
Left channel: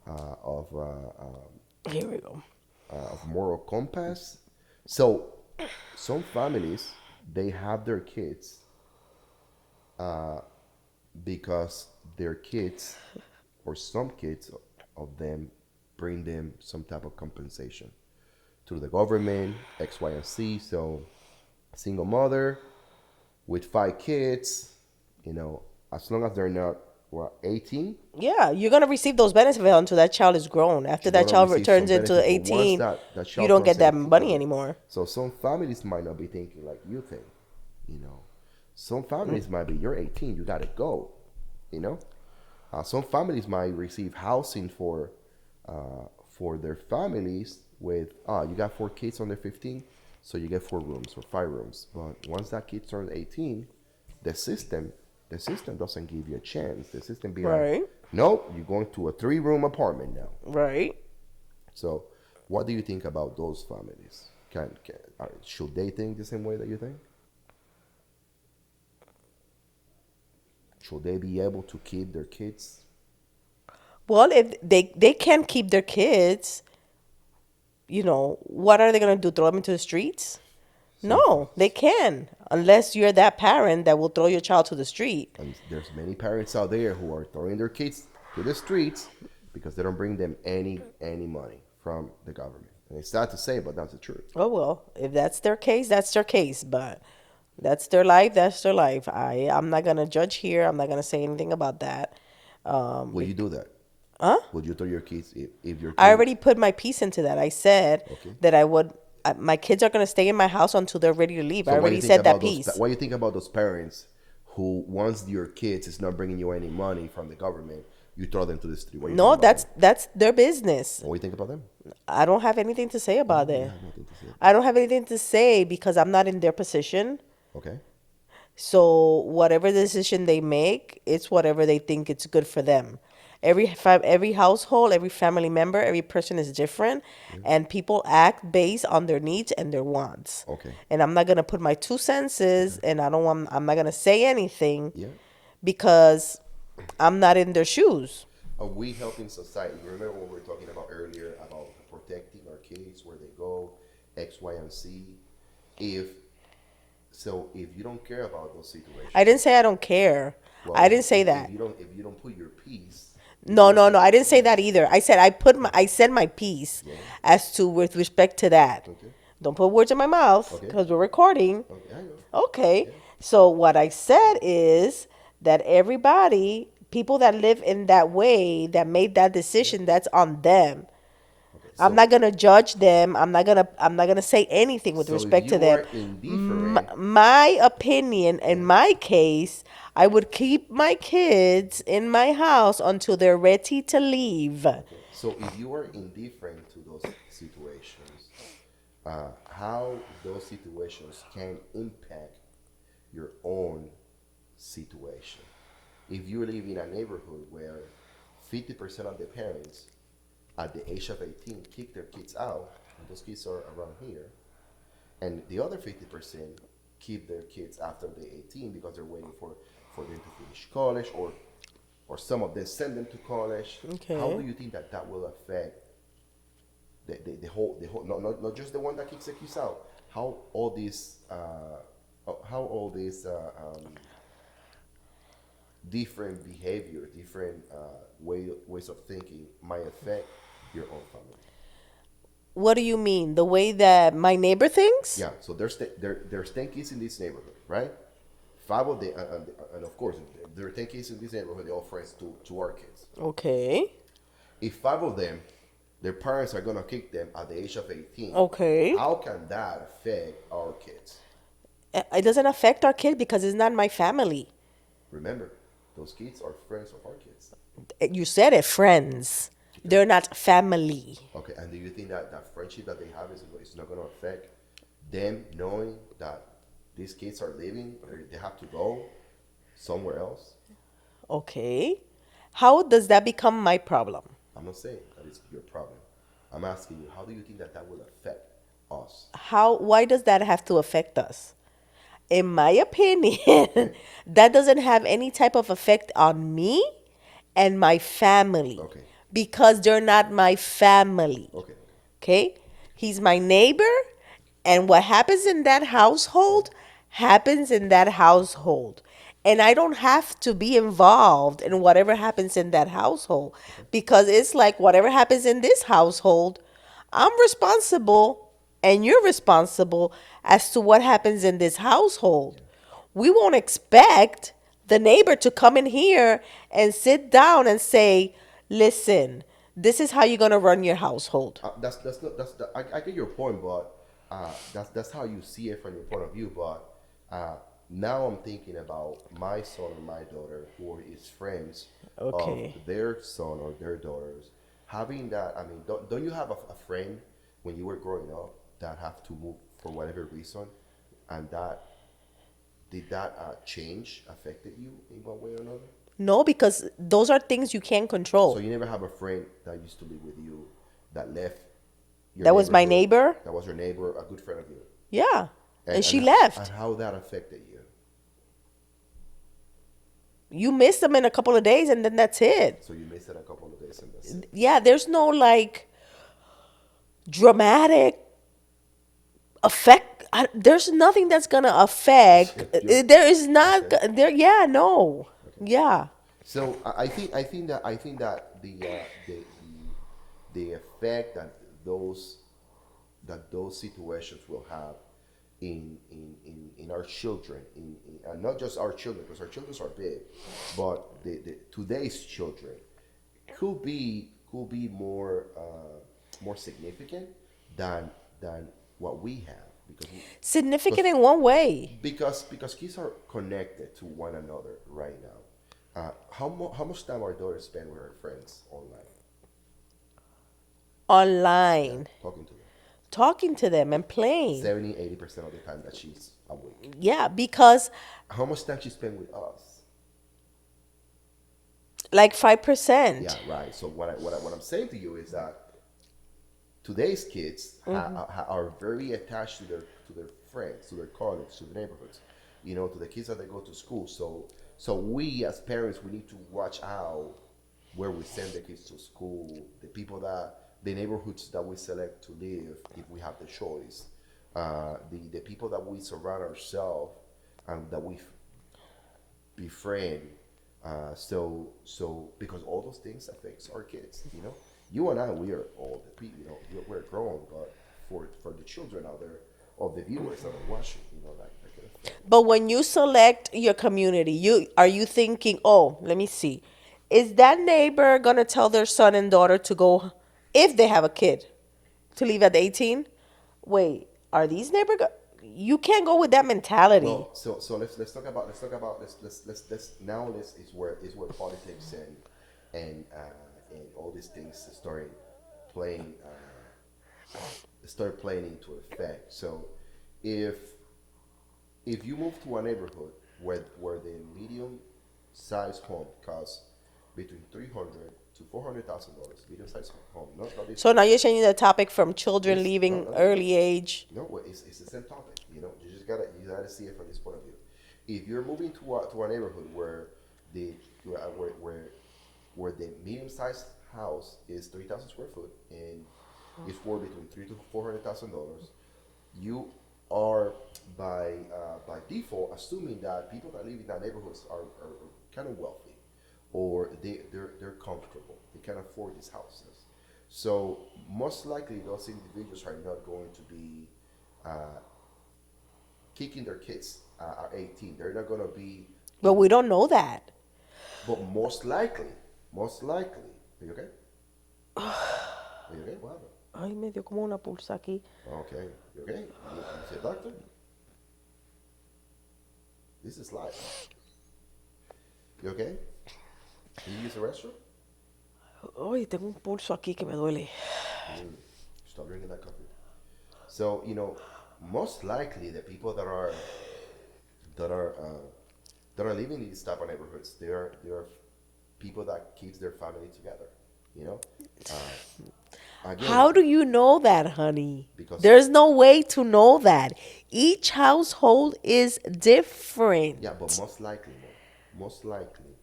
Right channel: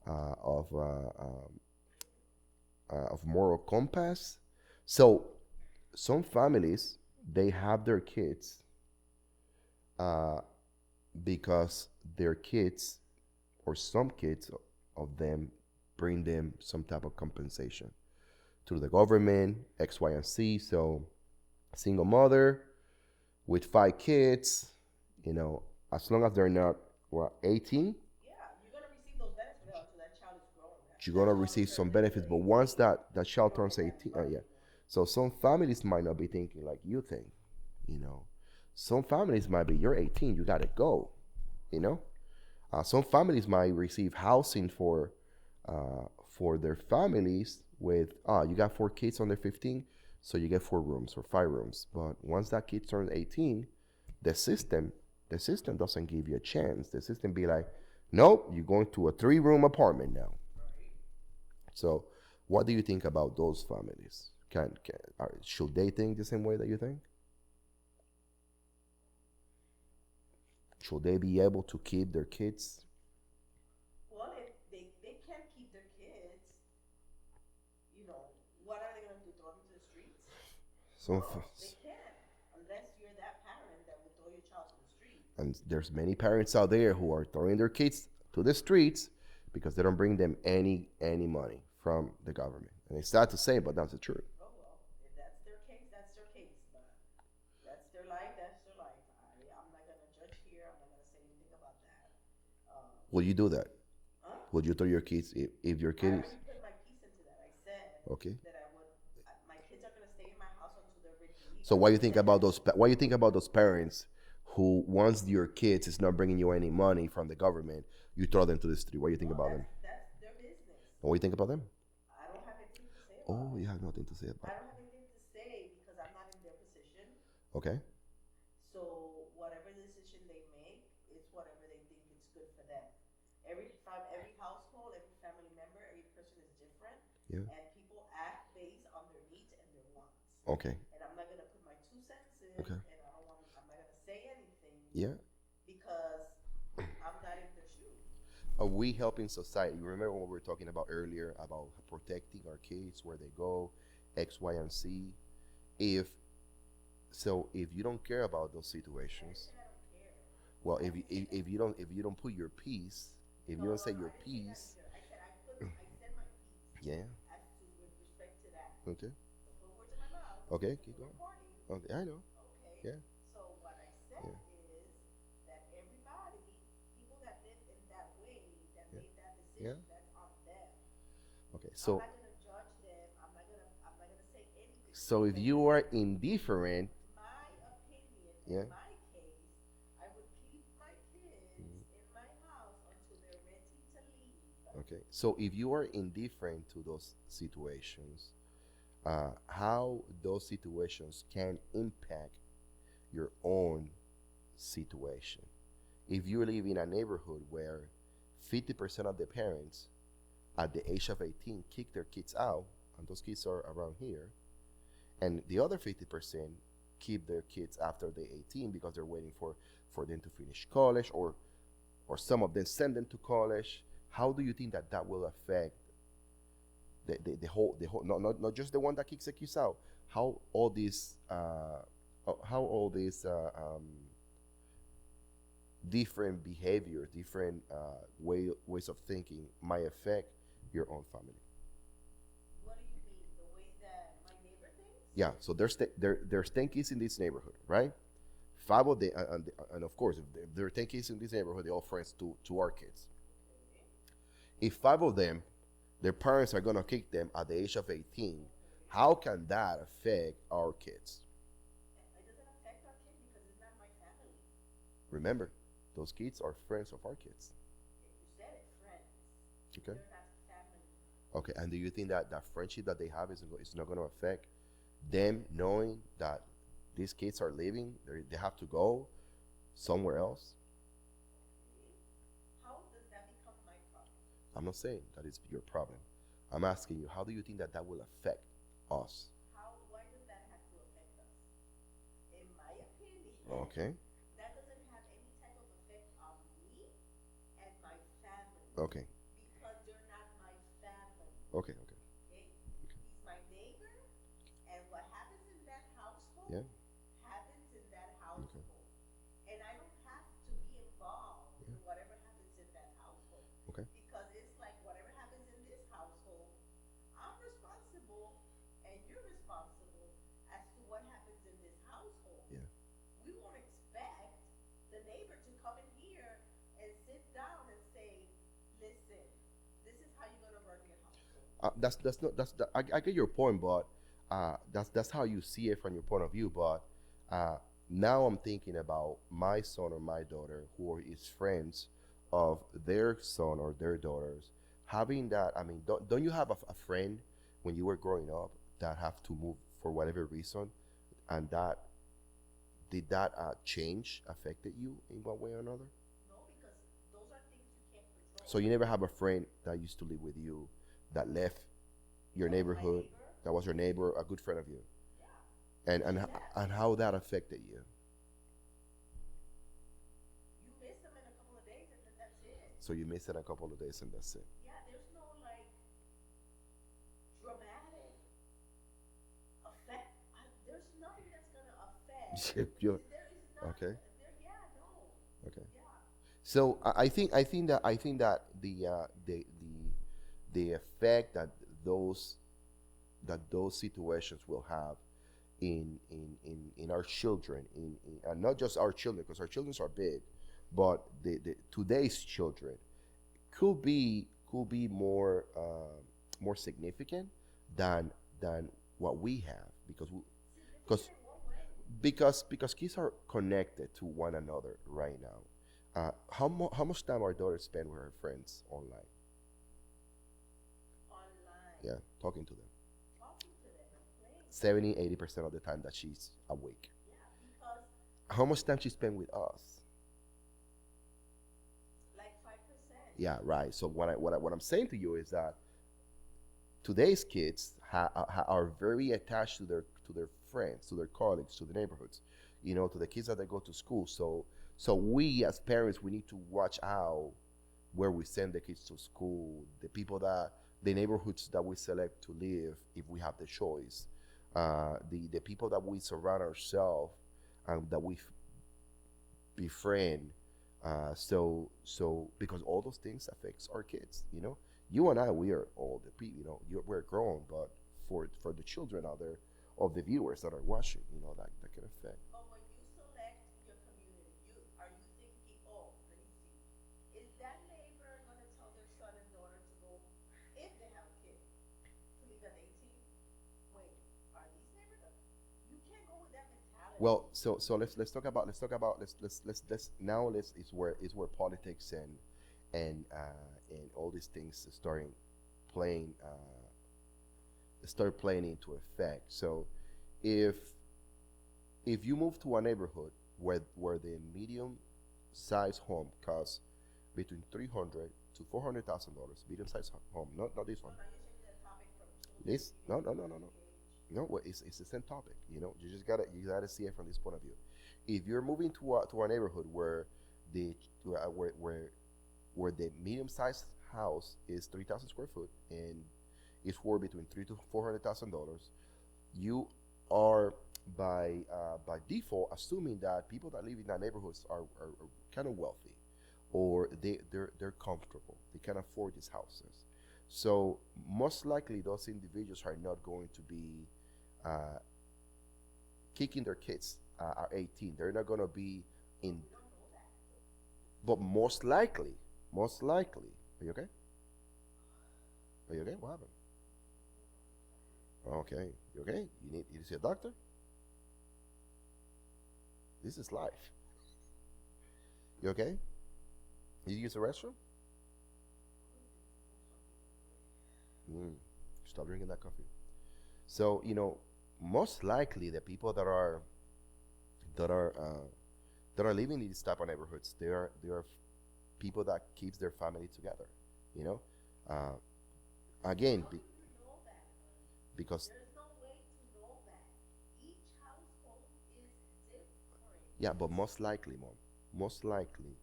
of Here we go. of moral compass. So some families they have their kids because their kids or some kids of them bring them some type of compensation through the government, X, Y, and Z. So single mother with 5 kids, you know, as long as they're not 18, Yeah, you're gonna receive those benefits until that child is grown. After she's that gonna child receive some returns into benefit. But once 18, that you child don't turns get that 18, money anymore. so some families might not be thinking like you think, you know. Some families might be, you're 18, you gotta go, you know. Some families might receive housing for their families with you got 4 kids under 15, so you get 4 rooms or 5 rooms. But once that kid turns 18, the system the system doesn't give you a chance. The system be like, Right, nope, you're going to a 3 room apartment now. right. So what do you think about those families? Should they think the same way that you think? Should they be able to keep their kids? Well, if they can't keep their kids, what are they gonna do? Throw them into the streets? Some No, they can, unless you're that parent that will throw your child to the street. And there's many parents out there who are throwing their kids to the streets because they don't bring them any money from the government. And it's sad to say, but that's the truth. Oh well, if that's their case, that's their case. But that's their life. That's their life. I'm not gonna judge here. I'm not gonna say anything about that. Will you do that? Huh? Would you throw your kids if your I kid? already put my piece into that. I said Okay. that I would. My kids are gonna stay in my house until they're ready to leave. I So what do you already think said that about those? piece. What do you think about those parents who, once your kids is not bringing you any money from the government, you throw them to the street? What do you No, think about them? that's their business. What do you think about them? I don't have anything to say about You it. have nothing to say. I don't have anything to say because I'm not in their position. Okay. So whatever decision they make, it's whatever they think it's good for them. Every household, every family member, every person is different, and people act based on their needs and their wants. Okay. And I'm not gonna put my 2 senses, and I'm not gonna say anything Yeah. because I'm not in their shoes. Are we helping society? Remember what we were talking about earlier about protecting our kids, where they go, X, Y, and Z. If if you don't care about those situations, I didn't say I don't care. well, I didn't say that. if you don't put your piece, if you No, don't no, set no. your I didn't say that piece- either. I said my piece Yeah. as to with respect to that. Okay. Don't put words in my mouth Okay. because we're recording. Okay, I know. Okay. Yeah. So what I said is that everybody, people that live in that way, that made that decision, that's on them. Okay. I'm not gonna judge them. I'm not gonna say anything with So if respect to you them. are indifferent, My opinion, in my case, I would keep my kids in my house until they're ready to leave. okay. So if you are indifferent to those situations, how those situations can impact your own situation. If you live in a neighborhood where 50% of the parents at the age of 18 kick their kids out, and those kids are around here, and the other 50% keep their kids after they're 18 because they're waiting for them to finish college, or some of them send them to college. Okay. How do you think that will affect the whole not just the one that kicks the kids out? How all these different behavior, different ways of thinking might affect your own family? What do you mean? The way that my neighbor thinks? Yeah. So there's 10 kids in this neighborhood, right? 5 of the and of course there are 10 kids in this neighborhood. They're all friends to our kids. Okay. If 5 of them, their parents are gonna kick them at the age of 18. Okay. How can that affect our kids? It doesn't affect our kid because it's not my family. Remember, those kids are friends of our kids. You said it, friends. They're not family. Okay, and do you think that friendship that they have is not going to affect them knowing that these kids are leaving, or they have to go somewhere else? Okay. How does that become my problem? I'm not saying that it's your problem. I'm asking you, how do you think that will affect us? Why does that have to affect us? in my opinion, Okay. that doesn't have any type of effect on me and my family Okay. because they're not my family. Okay. Okay. Okay? He's my neighbor, and what happens in that household happens in that household. And I don't have to be involved in whatever happens in that household because it's like whatever happens in this household, I'm responsible and you're responsible as to what happens in this household. We won't expect the neighbor to come in here and sit down and say, listen, this is how you're going to run your household. That's not that's the, I get your point, but that's how you see it from your point of view. But uh, now I'm thinking about my son or my daughter who is friends of Okay. their son or their daughters having that. I mean, don't you have a friend when you were growing up that have to move for whatever reason, and that did that change affected you in one way or another? No, because those are things you can't So control. you never have a friend that used to live with you that left your That was my neighborhood, neighbor. that was your neighbor, a good friend of you, Yeah. and And and she and left. how that affected you. You miss them in a couple of days and then that's it. So you missed it a couple of days, and that's it. Yeah, there's no like dramatic affect. There's nothing that's gonna affect. There is not. Okay. There. Yeah. No. Okay. Yeah. So I think that the effect that those those situations will have in our children, and not just our children, because our children are big, but the today's children could be more more significant than than what we have Significant because in one way. because kids are connected to one another right now. How much time our daughter spend with her friends online? Yeah, Online, talking to them. talking to them and playing. 70-80% of the time that she's awake. Yeah, because How much time she spend with us? like Yeah, 5%. right. So what I'm saying to you is that today's kids are very attached to their friends, to their colleagues, to the neighborhoods, to the kids that they go to school. So we as parents we need to watch out where we send the kids to school, the neighborhoods that we select to live if we have the choice, the people that we surround ourselves and that we befriend. So because all those things affects our kids. You and I, we are old. We're grown, but for the children out there, of the viewers that are watching, that can affect. But when you select your community, you thinking, "Oh, let me see. Is that neighbor going to tell their son and daughter to go if they have a kid to leave at 18? Wait, are these you can't go with that mentality. Well, so let's now let's is where politics and all these things playing start playing into effect. So if if you move to a neighborhood where the medium size home costs between 300 to $400,000, medium size home, not this So one. now you're changing the topic from children This no leaving no no no. early age. Well, it's the same topic. You gotta see it from this point of view. If you're moving to a neighborhood where the where the medium sized house is 3,000 square foot and is worth between $300,000 to $400,000, you are by default assuming that people that live in that neighborhoods are kind of wealthy, or they're comfortable. They can afford these houses. So most likely those individuals are not going to be uh, kicking their kids at 18. They're not going to be But in, we don't know that. but most likely, are you okay? Are you okay? What happened? Ay, me dio como una pulsa aquí. Okay, you okay? You see a doctor? This is life. You okay? Did you use the restroom? Ay, tengo un pulso aquí que me duele. Stop drinking that coffee. So most likely the people that are uh, that are living in these type of neighborhoods, they are people that keeps their family together. You know, uh, Again, How do you know that, honey? because There's no way to know that. Each household is yeah, but different. most likely,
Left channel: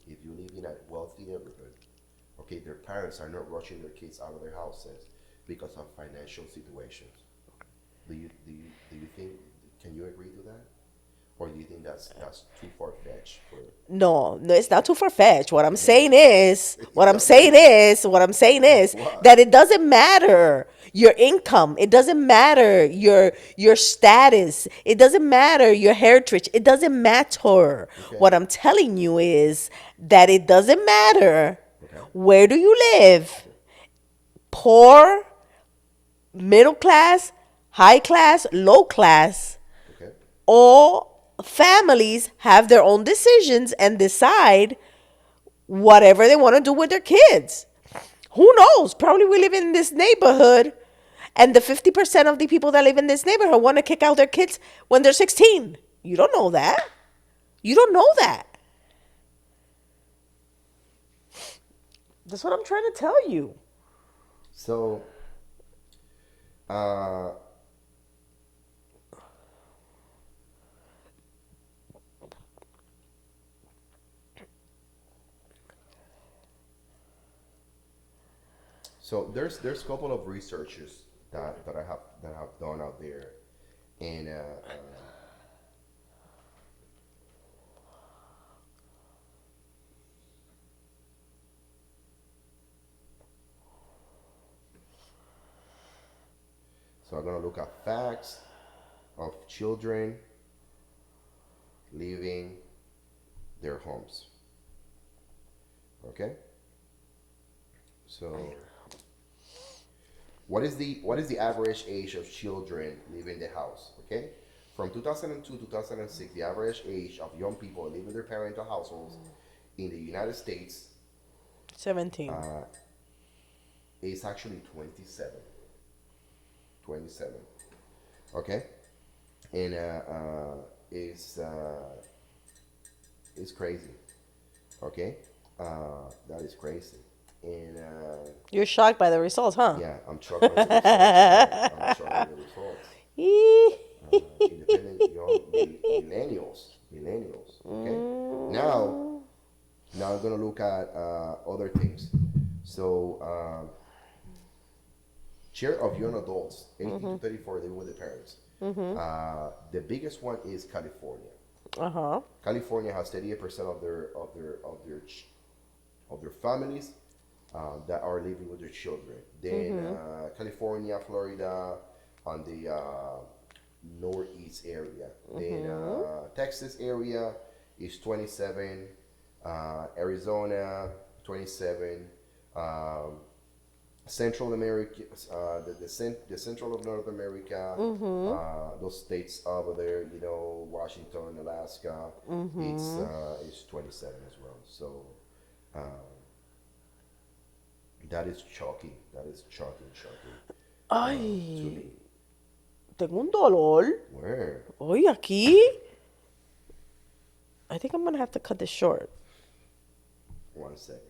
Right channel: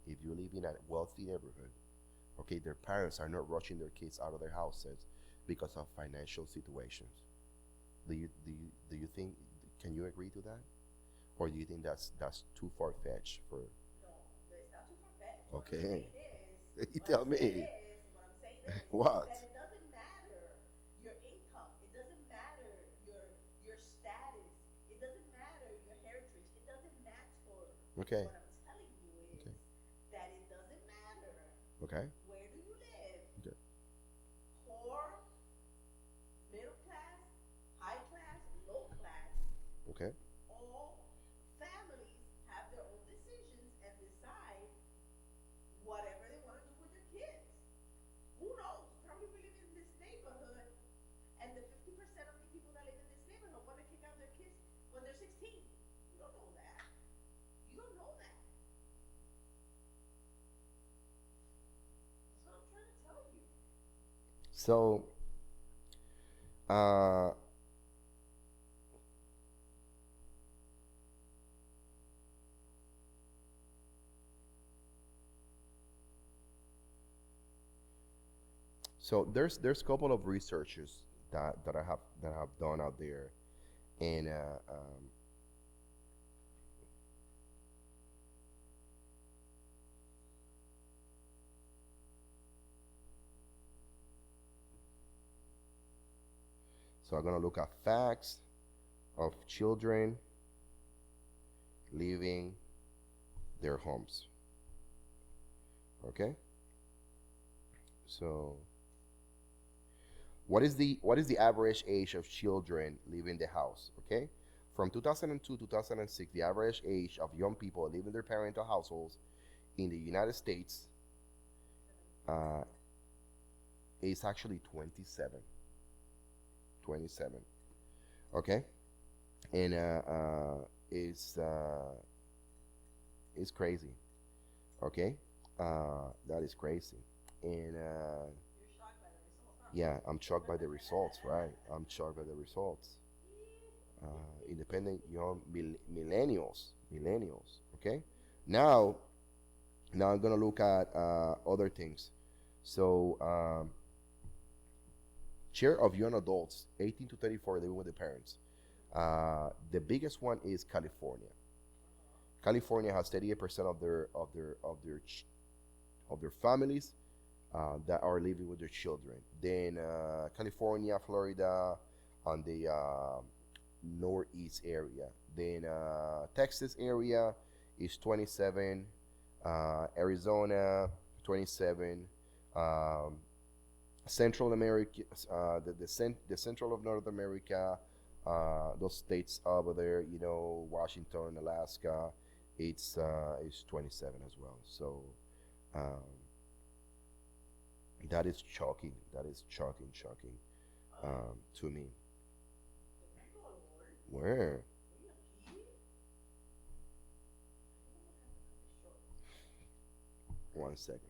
if you live in a wealthy neighborhood, okay, their parents are not rushing their kids out of their houses because of financial situations. Do you think? Can you agree to that, or do you think that's too far fetched for? No, no, it's not too far fetched. What I'm Okay, saying is, you tell what I'm saying is what? that it doesn't matter your income. It doesn't matter your status. It doesn't matter your heritage. It doesn't matter. Okay, What I'm telling you is that it doesn't matter okay, where do you live, okay, poor, middle class, high class, low class. okay. All families have their own decisions and decide whatever they want to do with their kids. Who knows? Probably we live in this neighborhood and the 50% of the people that live in this neighborhood want to kick out their kids when they're 16. You don't know that. You don't know that. That's what I'm trying to tell you. So, uh, so there's a couple of researchers that have done out there, and so I'm gonna look at facts of children leaving their homes. Okay, so what is the average age of children leaving the house? Okay, from 2002 to 2006, the average age of young people leaving their parental households in the United States 17. uh, is actually 27. 27. Okay, and it's it's crazy. Okay, that is crazy, and You're shocked by the results, huh? yeah, I'm shocked by the results. I'm shocked by the results. Independent young millennials. Okay, now now I'm gonna look at other things. So share of young adults 18 to 34 living with their parents. The biggest one is California. Uh-huh. California has 38% of their families that are living with their children. Then California, Florida, on the northeast area. Then Texas area is 27. Arizona 27. Um, Central America, the central of North America, those states over there, Washington, Alaska, it's 27 as well. So that is shocking. That is shocking to Ay, me. tengo un dolor. Where? Oye, aquí. I think I'm gonna have to cut this short. 1 second.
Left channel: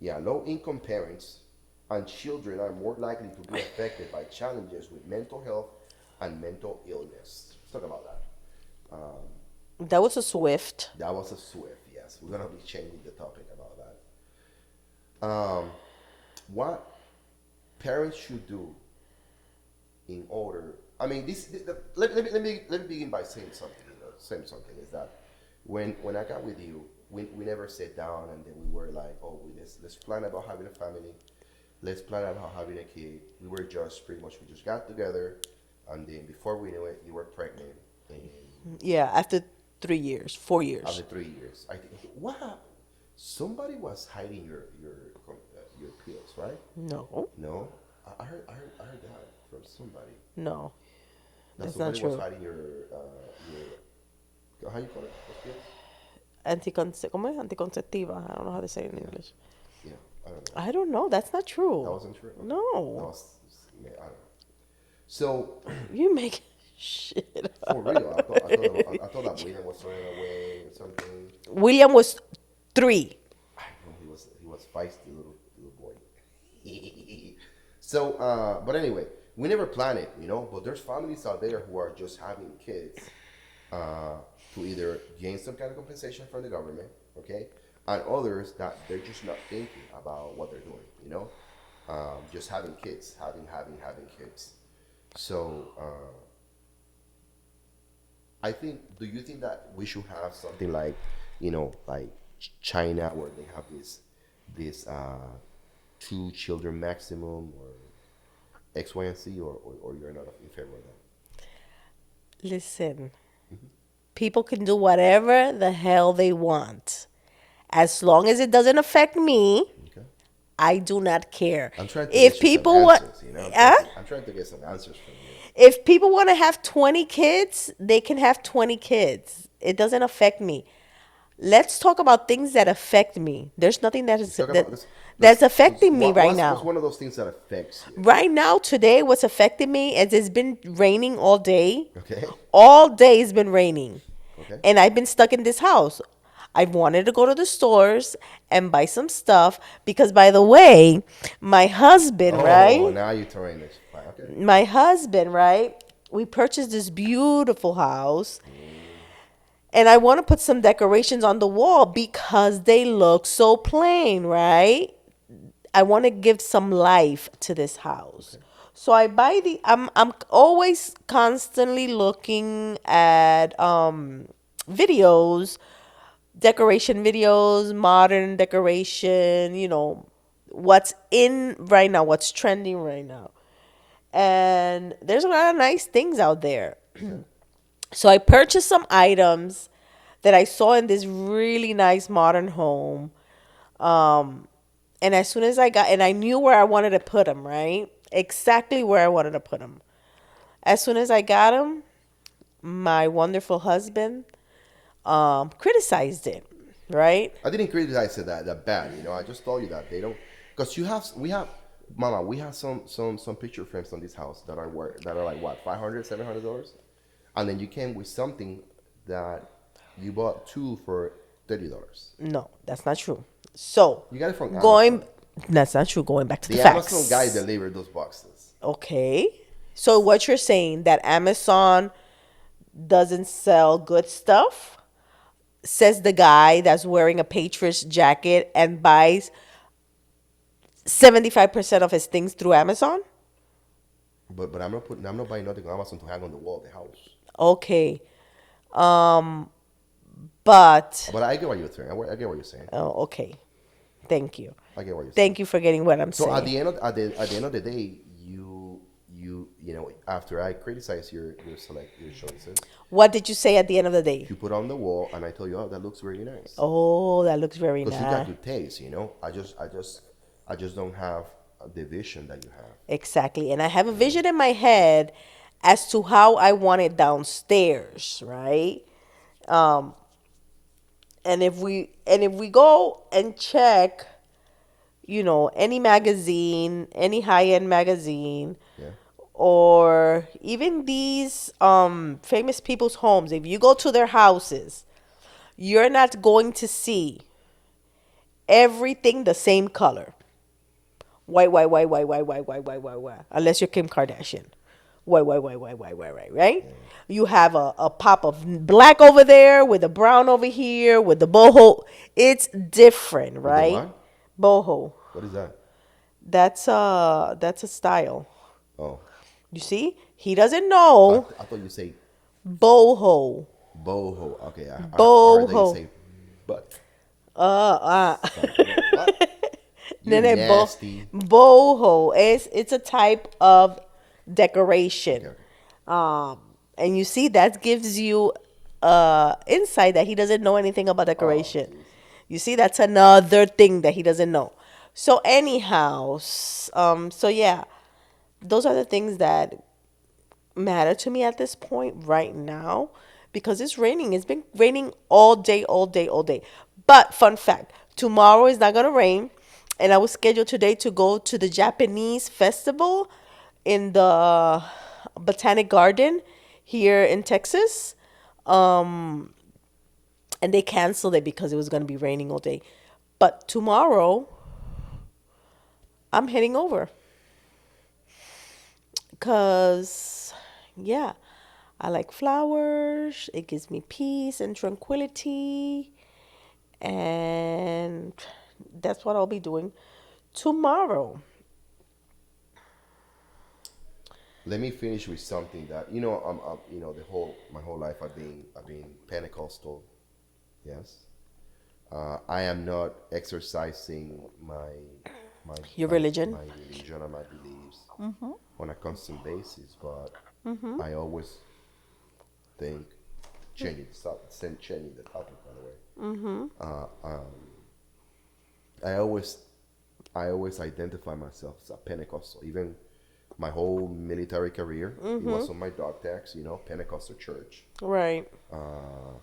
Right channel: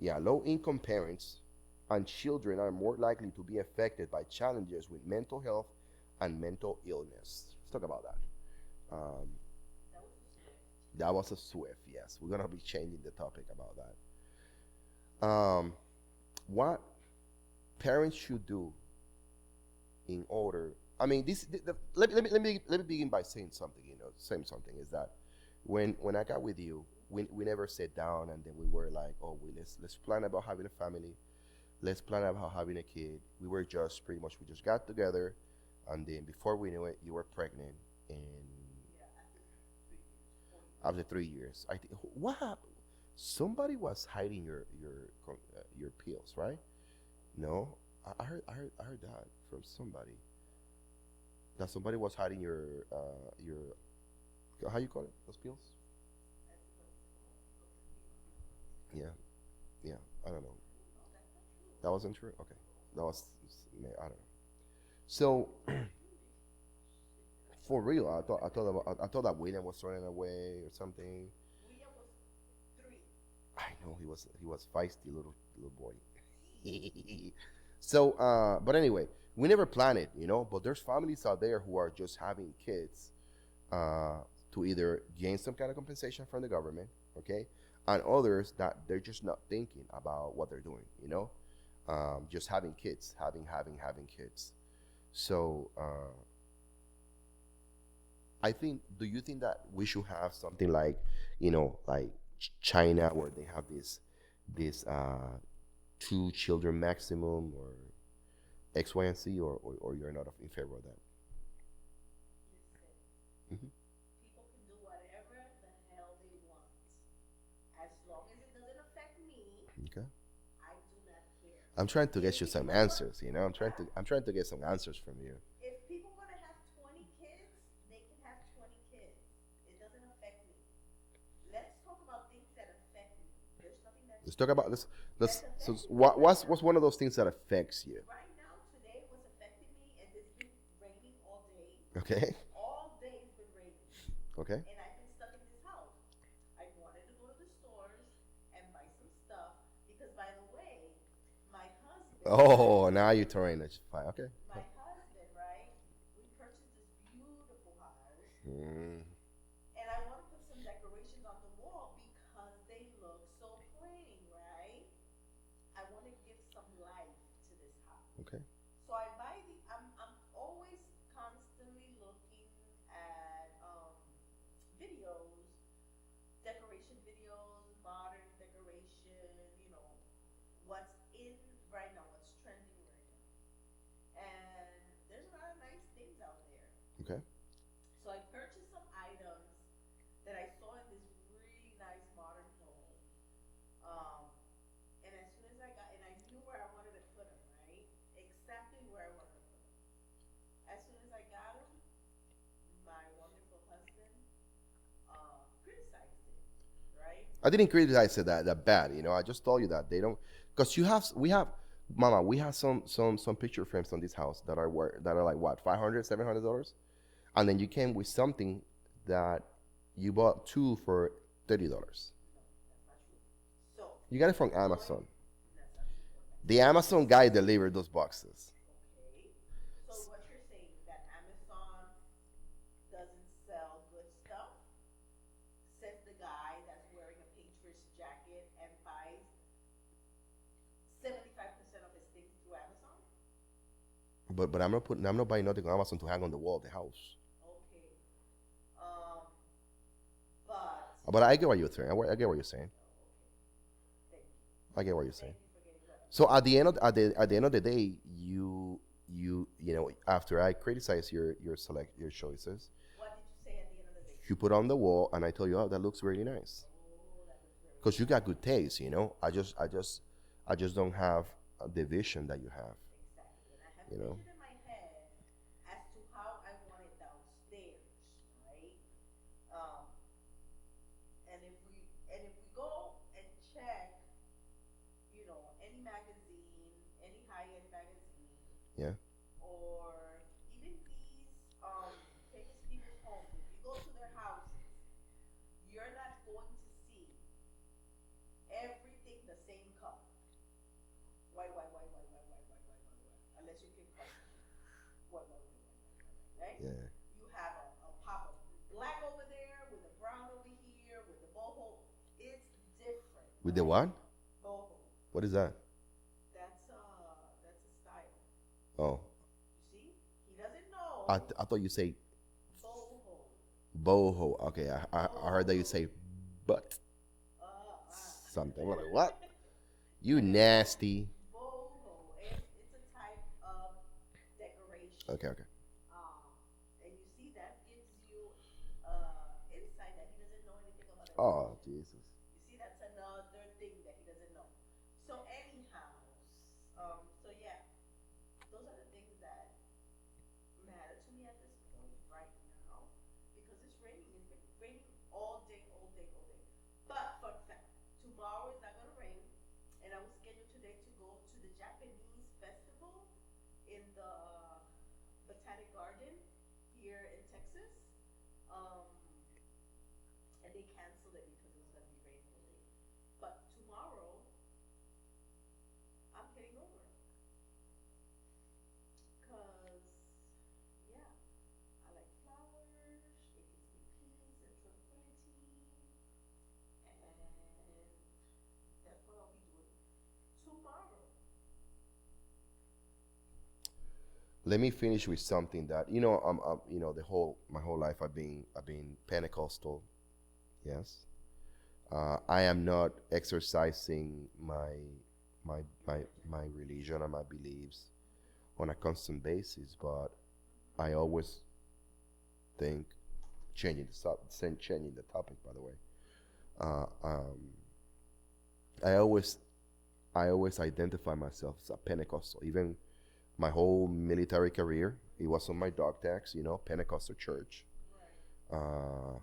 Yeah, low income parents and children are more likely to be affected by challenges with mental health and mental illness. Let's talk about that. That was a swift. That was a swift, yes. We're gonna be changing the topic about that. What parents should do in order. I mean, let me begin by saying something. Saying something is that when I got with you, we never sat down and then we were like, oh, let's plan about having a family, let's plan about having a kid. We were just pretty much we just got together, and then before we knew it, you were pregnant, and Yeah, after 3 years, 4 years. after 3 years, I think what happened? Somebody was hiding your pills, right? No, No, I heard that from somebody. no, That that's not somebody was true. hiding your how you call it? Those pills? ¿Cómo es? Anticonceptiva. I don't know how to say it in Yeah. English. Yeah, I don't know. I don't know. That's not true. That wasn't true. Okay. No. That was man, I don't know. So You make shit up. for real, I thought that William was running away or something. William was 3. I know he was feisty little boy. So, but anyway, we never plan it, But there's families out there who are just having kids uh, to either gain some kind of compensation from the government, okay, and others that they're just not thinking about what they're doing, just having kids, having kids. So I think, do you think that we should have something like, like China, where they have this 2 children maximum, or X, Y, and Z, or you're not in favor of that? Listen, people can do whatever the hell they want. As long as it doesn't affect me, Okay. I do not care. I'm trying to If get you some people want, answers, I'm trying huh? to get some answers from you. If people want to have 20 kids, they can have 20 kids. It doesn't affect me. Let's talk about things that affect me. There's nothing that Let's is talk that about this. that's affecting me right What's now. one of those things that affects you? Right now, today, what's affecting me is it's been raining all day. Okay. All day it's been raining. Okay. And I've been stuck in this house. I wanted to go to the stores and buy some stuff because, by the way, my husband, Oh, right? now you're throwing this. Fine. Okay. My husband, right? We purchased this beautiful house and I want to put some decorations on the wall because they look so plain, right? I want to give some life to this house. So I buy I'm always constantly looking at videos, decoration videos, modern decoration, what's in right now, what's trending right now. And there's a lot of nice things out there. Okay. So I purchased some items that I saw in this really nice modern home. Um, and as soon as and I knew where I wanted to put them, right? Exactly where I wanted to put them. As soon as I got them, my wonderful husband criticized it, right? I didn't criticize it that bad. I just told you that they don't, because we have, Mama, we have some picture frames on this house that are like what, 500, $700, and then you came with something that you bought two for $30. No, that's not true. So You got it from going, Amazon. that's not true. Going back to the The facts. Amazon guy delivered those boxes. Okay. So what you're saying that Amazon doesn't sell good stuff? Says the guy that's wearing a Patriots jacket and buys 75% of his things through Amazon? But I'm not buying nothing on Amazon to hang on the wall of the house. Okay. But But I get what you're saying. I get what you're saying. oh, okay. Thank you. I get what you're saying. Thank you for getting what I'm So saying. at the end of the day, after I criticize your choices, What did you say at the end of the day? you put on the wall, and I tell you, oh, that looks really nice. Oh, that looks very Because nice. you got good taste. I just don't have the vision that you have. Exactly. And I have a vision in my head as to how I want it downstairs, right? And if we go and check, any magazine, any high-end magazine, Yeah. or even these famous people's homes, if you go to their houses, you're not going to see everything the same color. White, white, white, white, white, white, white, white, white, white. Unless you're Kim Kardashian. White, white, white, white, white, white, white, right? You have a pop of black over there with a brown over here with the boho. It's different, With the right? what? Boho. What is that? That's a style. Oh, You see? He doesn't know I thought you say boho. boho. Okay, I heard that you Boho. say butt. Uh, Something. What? You Nene, nasty. boho. It's a type of decoration. Okay, okay. And you see that gives you insight that he doesn't know anything about decoration. jeez. You see, that's another thing that he doesn't know. So anyhow, so yeah, those are the things that matter to me at this point right now because it's raining. It's been raining all day, all day, all day. But fun fact, tomorrow is not gonna rain, and I was scheduled today to go to the Japanese festival in the Botanic Garden here in Texas. and they canceled it because it was going to be raining all day. But tomorrow, I'm heading over because, yeah, I like flowers. It gives me peace and tranquility. And that's what I'll be doing tomorrow. Let me finish with something that the whole my whole life I've been Pentecostal. Yes, I am not exercising my Your my religion? my religion and my beliefs on a constant basis, but I always think changing the topic. By the way, uh, um, I always I always identify myself as a Pentecostal. Even my whole military career, it was on my dog tags. Pentecostal church. Right. Uh,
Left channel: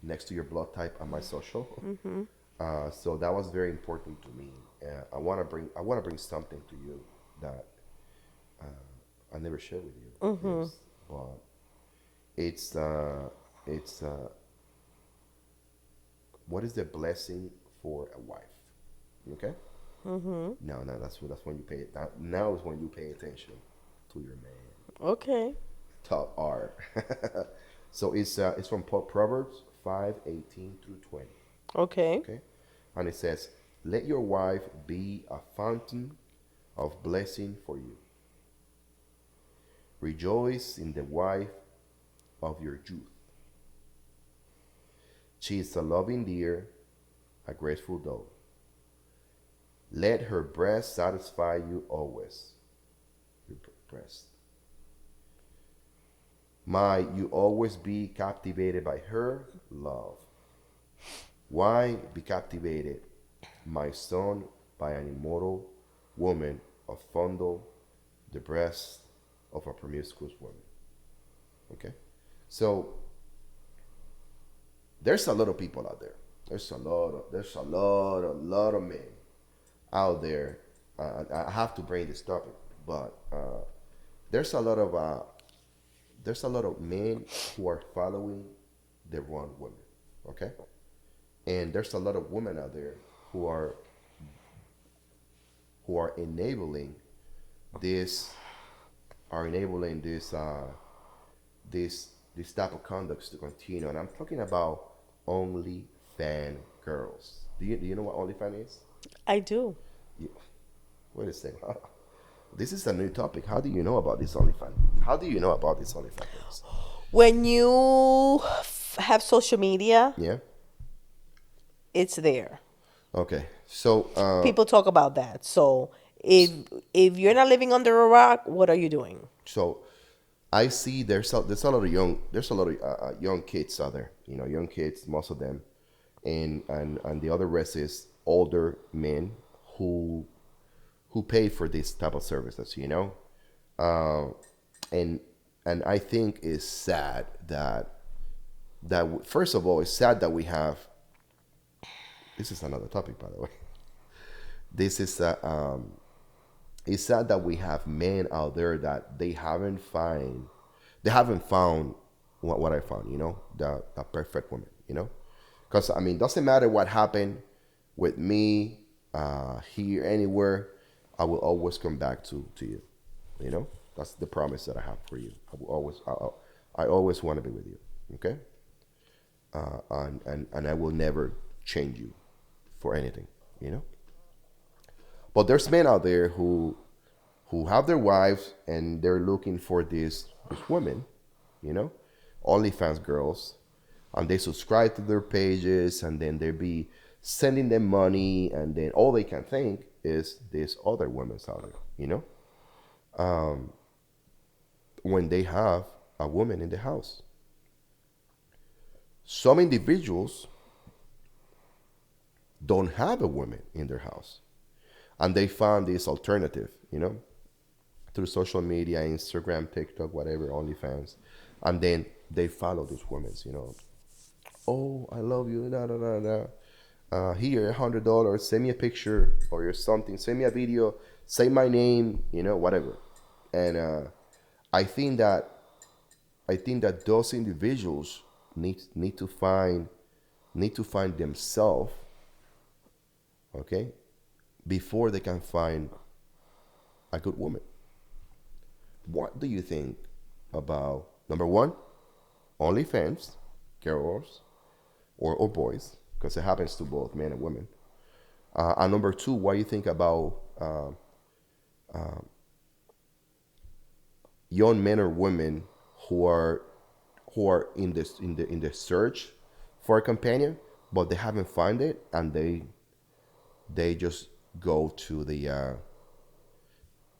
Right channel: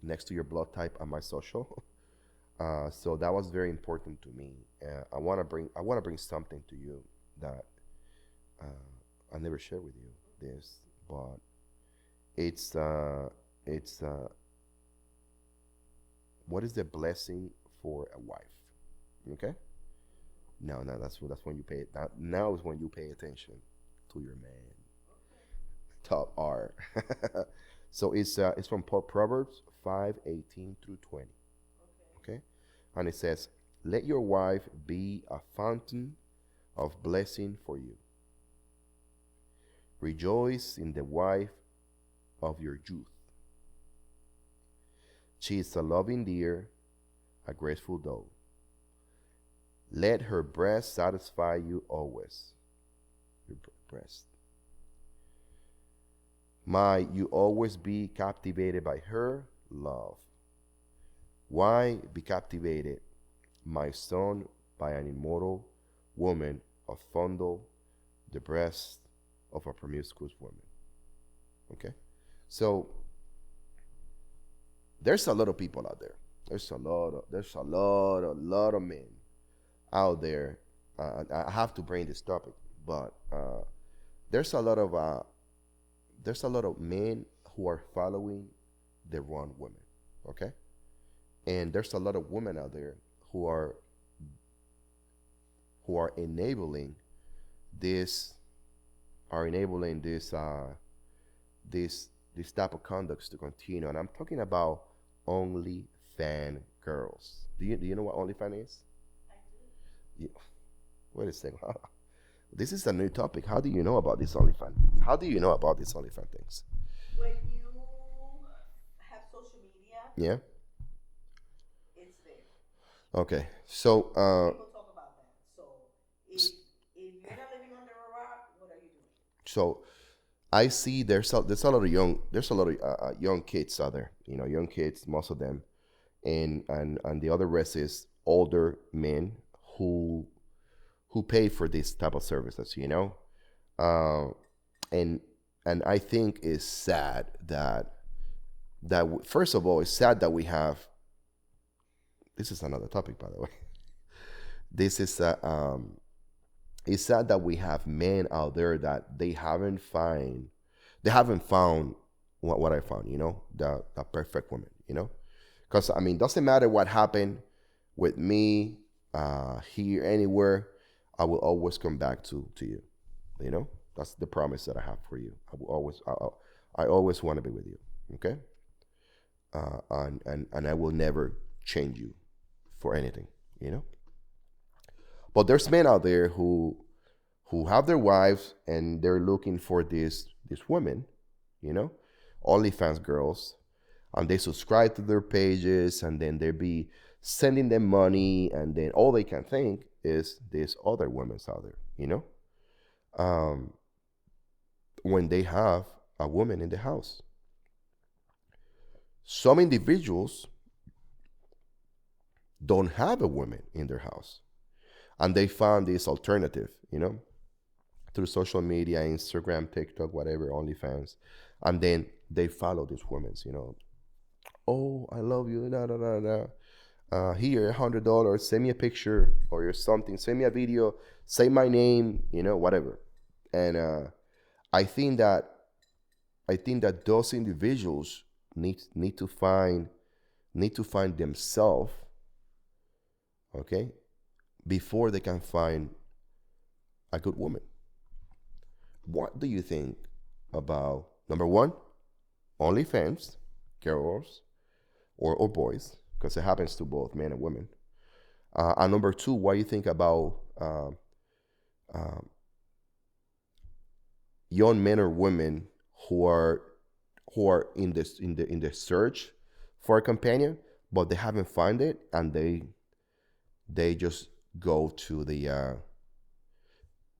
Next to your blood type and my social. So that was very important to me. I want to bring something to you that I never shared with you. But it's it's what is the blessing for a wife? Okay. No, no, that's when you pay it. Now is when you pay attention to your man. Okay. Top R. So it's from Proverbs 5:18 through 20. Okay. Okay, and it says, "Let your wife be a fountain of blessing for you. Rejoice in the wife of your youth. She is a loving deer, a graceful doe. Let her breast satisfy you always. Your breast. Might you always be captivated by her love. Why be captivated, my son, by an immortal woman of fondle the breast of a promiscuous woman?" Okay, so there's a lot of people out there. There's a lot of men out there. I have to bring this topic, but there's a lot of men who are following the wrong women. Okay, and there's a lot of women out there who are this enabling this type of conducts to continue. And I'm talking about only fan girls. Do you know what OnlyFans is? I do. You, wait a second. This is a new topic. How do you know about this OnlyFans? How do you know about this OnlyFans things? When you have social media, Yeah. it's there. Okay. So People talk about that. So if you're not living under a rock, what are you doing? so I see there's a lot of young kids out there. Young kids, most of them, and the other rest is older men who pay for this type of services. Uh, and I think it's sad that first of all, it's sad that we have. This is another topic, by the way. This is it's sad that we have men out there that they haven't found what I found. The perfect woman. Because I mean, doesn't matter what happened with me here anywhere, I will always come back to you. That's the promise that I have for you. I always want to be with you. Okay, and I will never change you for anything. You know. But there's men out there who have their wives and they're looking for this women, you know, OnlyFans girls, and they subscribe to their pages, and then they be sending them money, and then all they can think is this other women's out there, when they have a woman in the house. Some individuals don't have a woman in their house, and they found this alternative, through social media, Instagram, TikTok, whatever, OnlyFans, and then they follow these women, Oh, I love you, da da da da. Here, $100. Send me a picture or something. Send me a video. Say my name, whatever. And I think that those individuals need to find need to find themselves, okay, before they can find a good woman. What do you think about number one, OnlyFans, girls or boys, because it happens to both men and women. And number two, what do you think about young men or women who are in this in the search for a companion, but they haven't found it, and they just go to the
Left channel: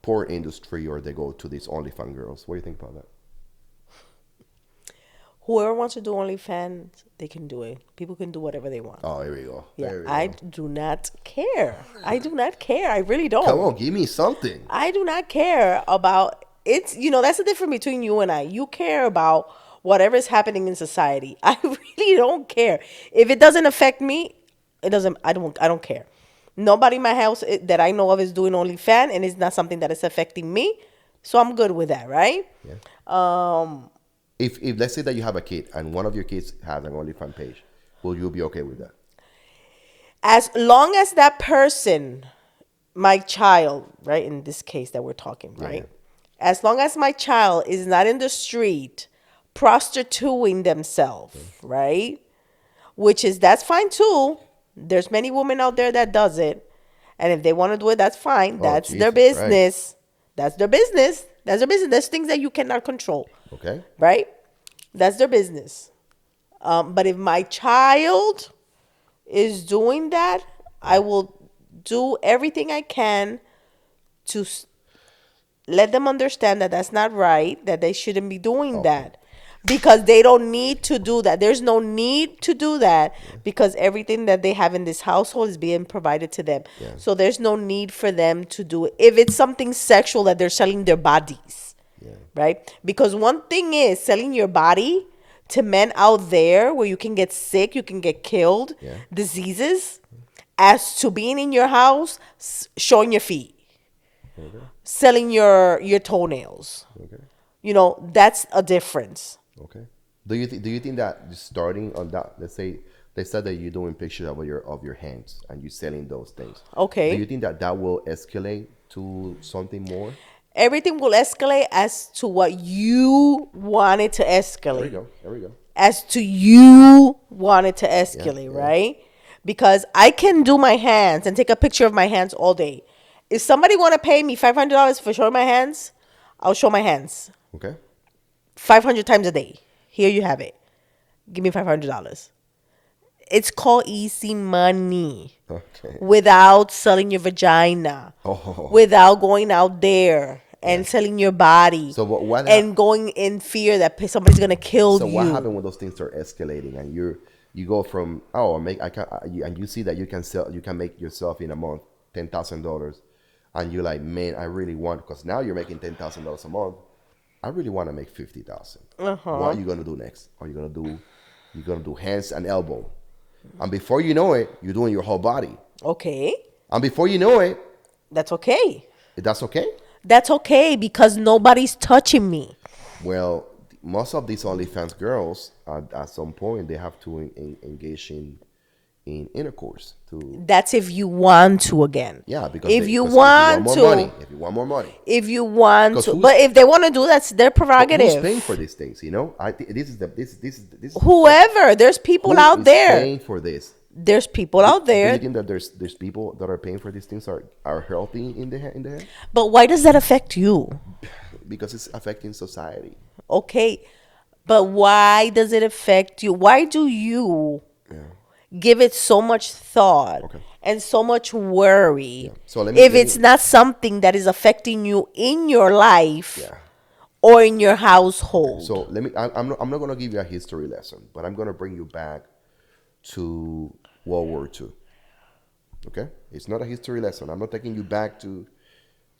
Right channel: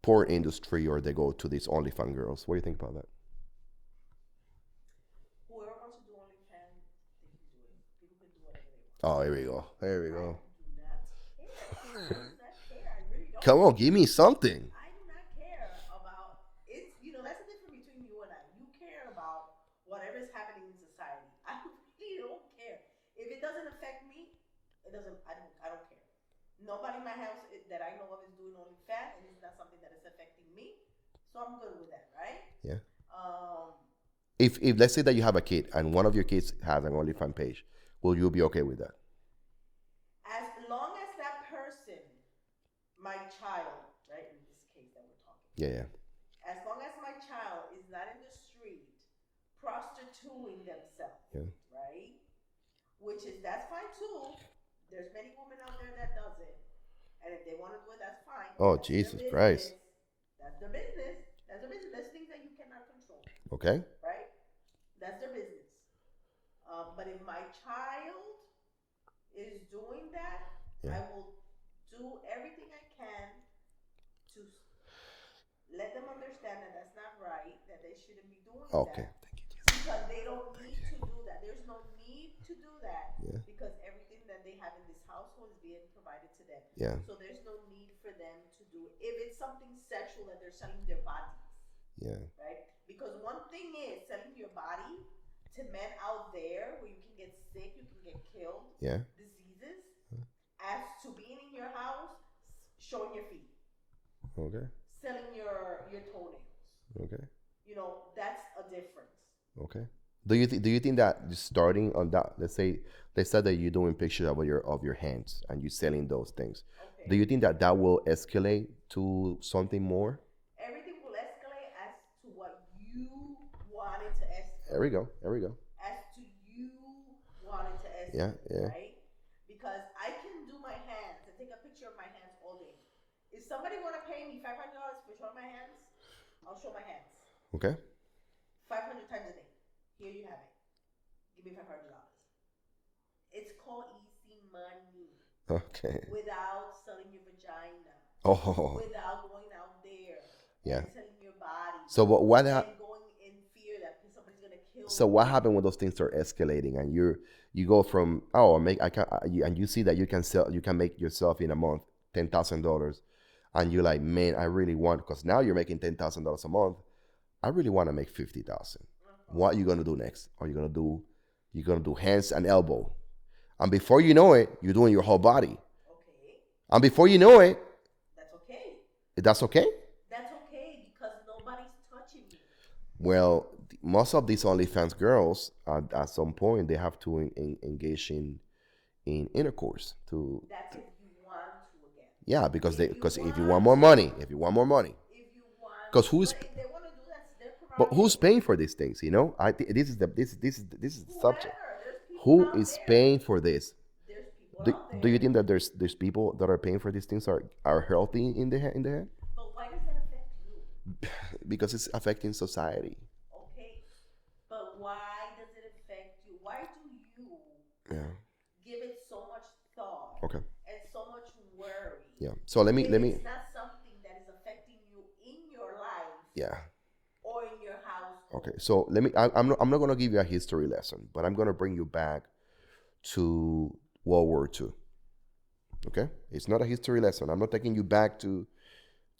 porn industry, or they go to these OnlyFans girls. What do you think about that? Whoever wants to do OnlyFans, they can do it. People can do whatever they want. Oh, here we go. Yeah, There we I go. do not care. I do not care. I really don't. Come on, give me something. I do not care about it's that's the difference between you and I. You care about whatever is happening in society. I really don't care. If it doesn't affect me, it doesn't I don't care. Nobody in my house that I know of is doing OnlyFans, and it's not something that is affecting me. So I'm good with that, right? Yeah. Um If let's say that you have a kid and one of your kids has an OnlyFans page, will you be okay with that? as long as that person, my child, right, in this case that we're talking, Yeah, right? yeah. As long as my child is not in the street prostituting themselves, right? Which is that's fine too. There's many women out there that does it. And if they want to do it, that's fine. Oh, That's their Jesus Christ. business. That's their business. That's their business. There's things that you cannot control, Okay. right? That's their business. But if my child is doing that, I will do everything I can to let them understand that that's not right, that they shouldn't be doing Okay. that. Because they don't need to do that. There's no need to do that because everything that they have in this household is being provided to them. Yeah. So there's no need for them to do it. If it's something sexual that they're selling their bodies, Yeah. right? Because one thing is selling your body to men out there where you can get sick, you can get killed, Yeah. diseases, as to being in your house, showing your feet, Okay. selling your toenails. Okay. That's a difference. Okay. Do you think that starting on that, let's say they said that you're doing pictures of your hands and you're selling those things. Okay. Do you think that will escalate to something more? Everything will escalate as to what you want it to escalate. There we go. There we go. As to you want it to escalate, yeah. right? Because I can do my hands and take a picture of my hands all day. If somebody want to pay me $500 for showing my hands, I'll show my hands Okay. 500 times a day. Here you have it. Give me $500. It's called easy money. Okay. Without selling your vagina. Oh. Without going out there and selling your body. So what and going in fear that somebody's gonna kill So you. what happened when those things are escalating and you go from and you see that you can make yourself in a month $10,000, and you're like, man, I really want, because now you're making $10,000 a month. I really want to make 50,000. What are you gonna do next? Are you gonna do hands and elbow, and before you know it, you're doing your whole body, Okay. and before you know it, That's okay. that's okay. That's okay because nobody's touching me. Well, most of these OnlyFans girls, at some point, they have to engage in intercourse to. That's if you want to again. Yeah, because if they, you 'cause want if you want more to, money, if you want more money, if you want 'Cause to, who's- but if they want to do that's their but prerogative. who's paying for these things? This is the Whoever, there's people who out is there. paying for this? There's people out Do there. you think that there's people that are paying for these things are healthy in the head? But why does that affect you? Because it's affecting society. Okay. But why does it affect you? Why do you give it so much thought Okay. and so much worry Yeah. So let if me- it's not something that is affecting you in your life Yeah. or in your household? So I'm not gonna give you a history lesson, but I'm gonna bring you back to World War II. Okay, it's not a history lesson. I'm not taking you back to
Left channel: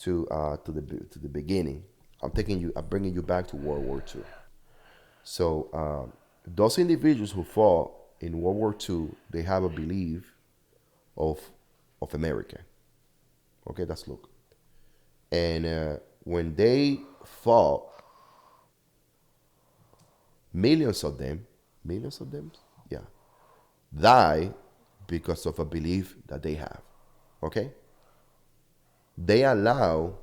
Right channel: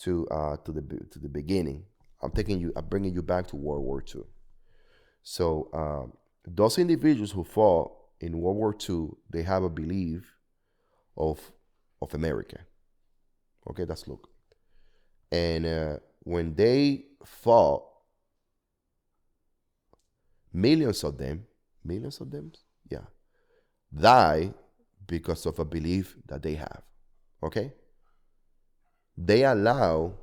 the beginning. I'm bringing you back to World War II. So those individuals who fought in World War II, they have a belief of America. Okay, that's look. And when they fought, millions of them, yeah, die because of a belief that they have. Okay? They allow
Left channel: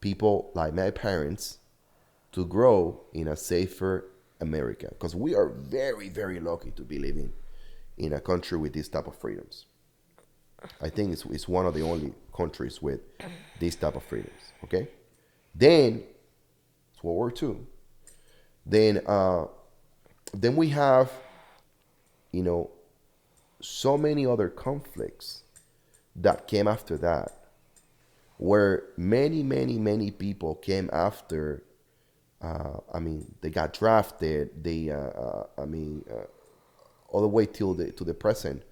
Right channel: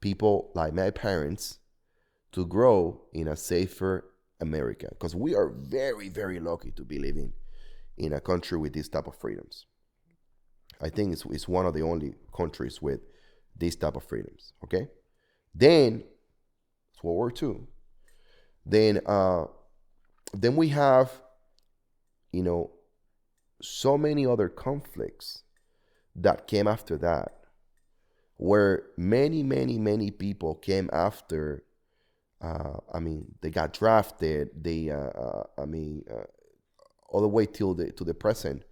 people like my parents to grow in a safer America because we are very, very lucky to be living in a country with this type of freedoms. I think it's one of the only countries with this type of freedoms. Okay, then it's World War II. Then then we have you know so many other conflicts that came after that, where many, many, many people came after. I mean, they got drafted. They, all the way till the to the present.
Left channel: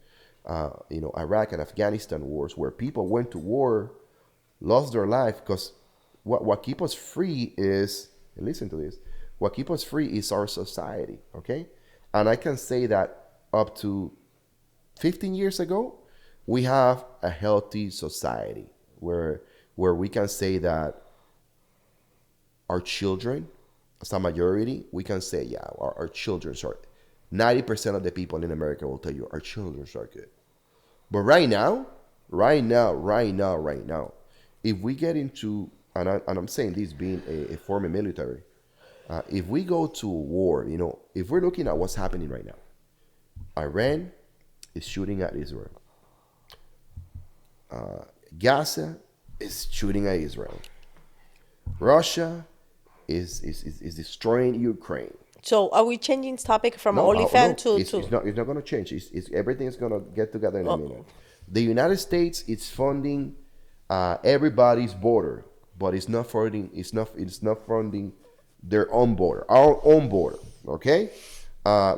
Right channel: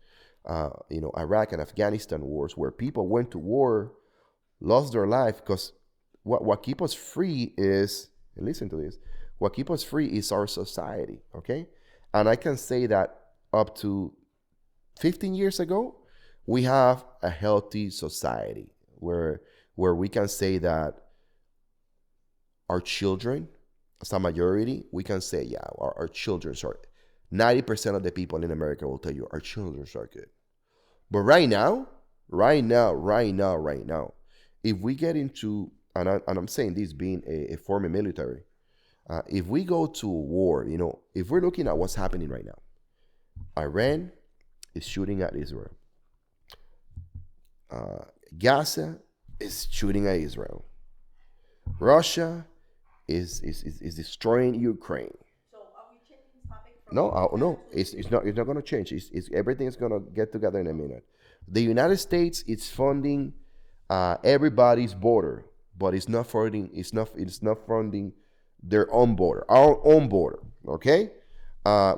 Iraq and Afghanistan wars, where people went to war, lost their life because what keep us free is, and listen to this, what keep us free is our society. Okay, and I can say that up to 15 years ago, we have a healthy society where we can say that our children, as a majority, we can say, yeah, our children are 90% of the people in America will tell you our children are good. But right now, if we get into, and I'm saying this being a former military, if we go to war, if we're looking at what's happening right now, Iran is shooting at Israel. Gaza is shooting at Israel. Russia is destroying Ukraine. So are we changing topic from No, OnlyFans no, to it's not going to change. Everything is going to get together in a minute. The United States is funding everybody's border, but it's not funding their own border, our own border. Okay,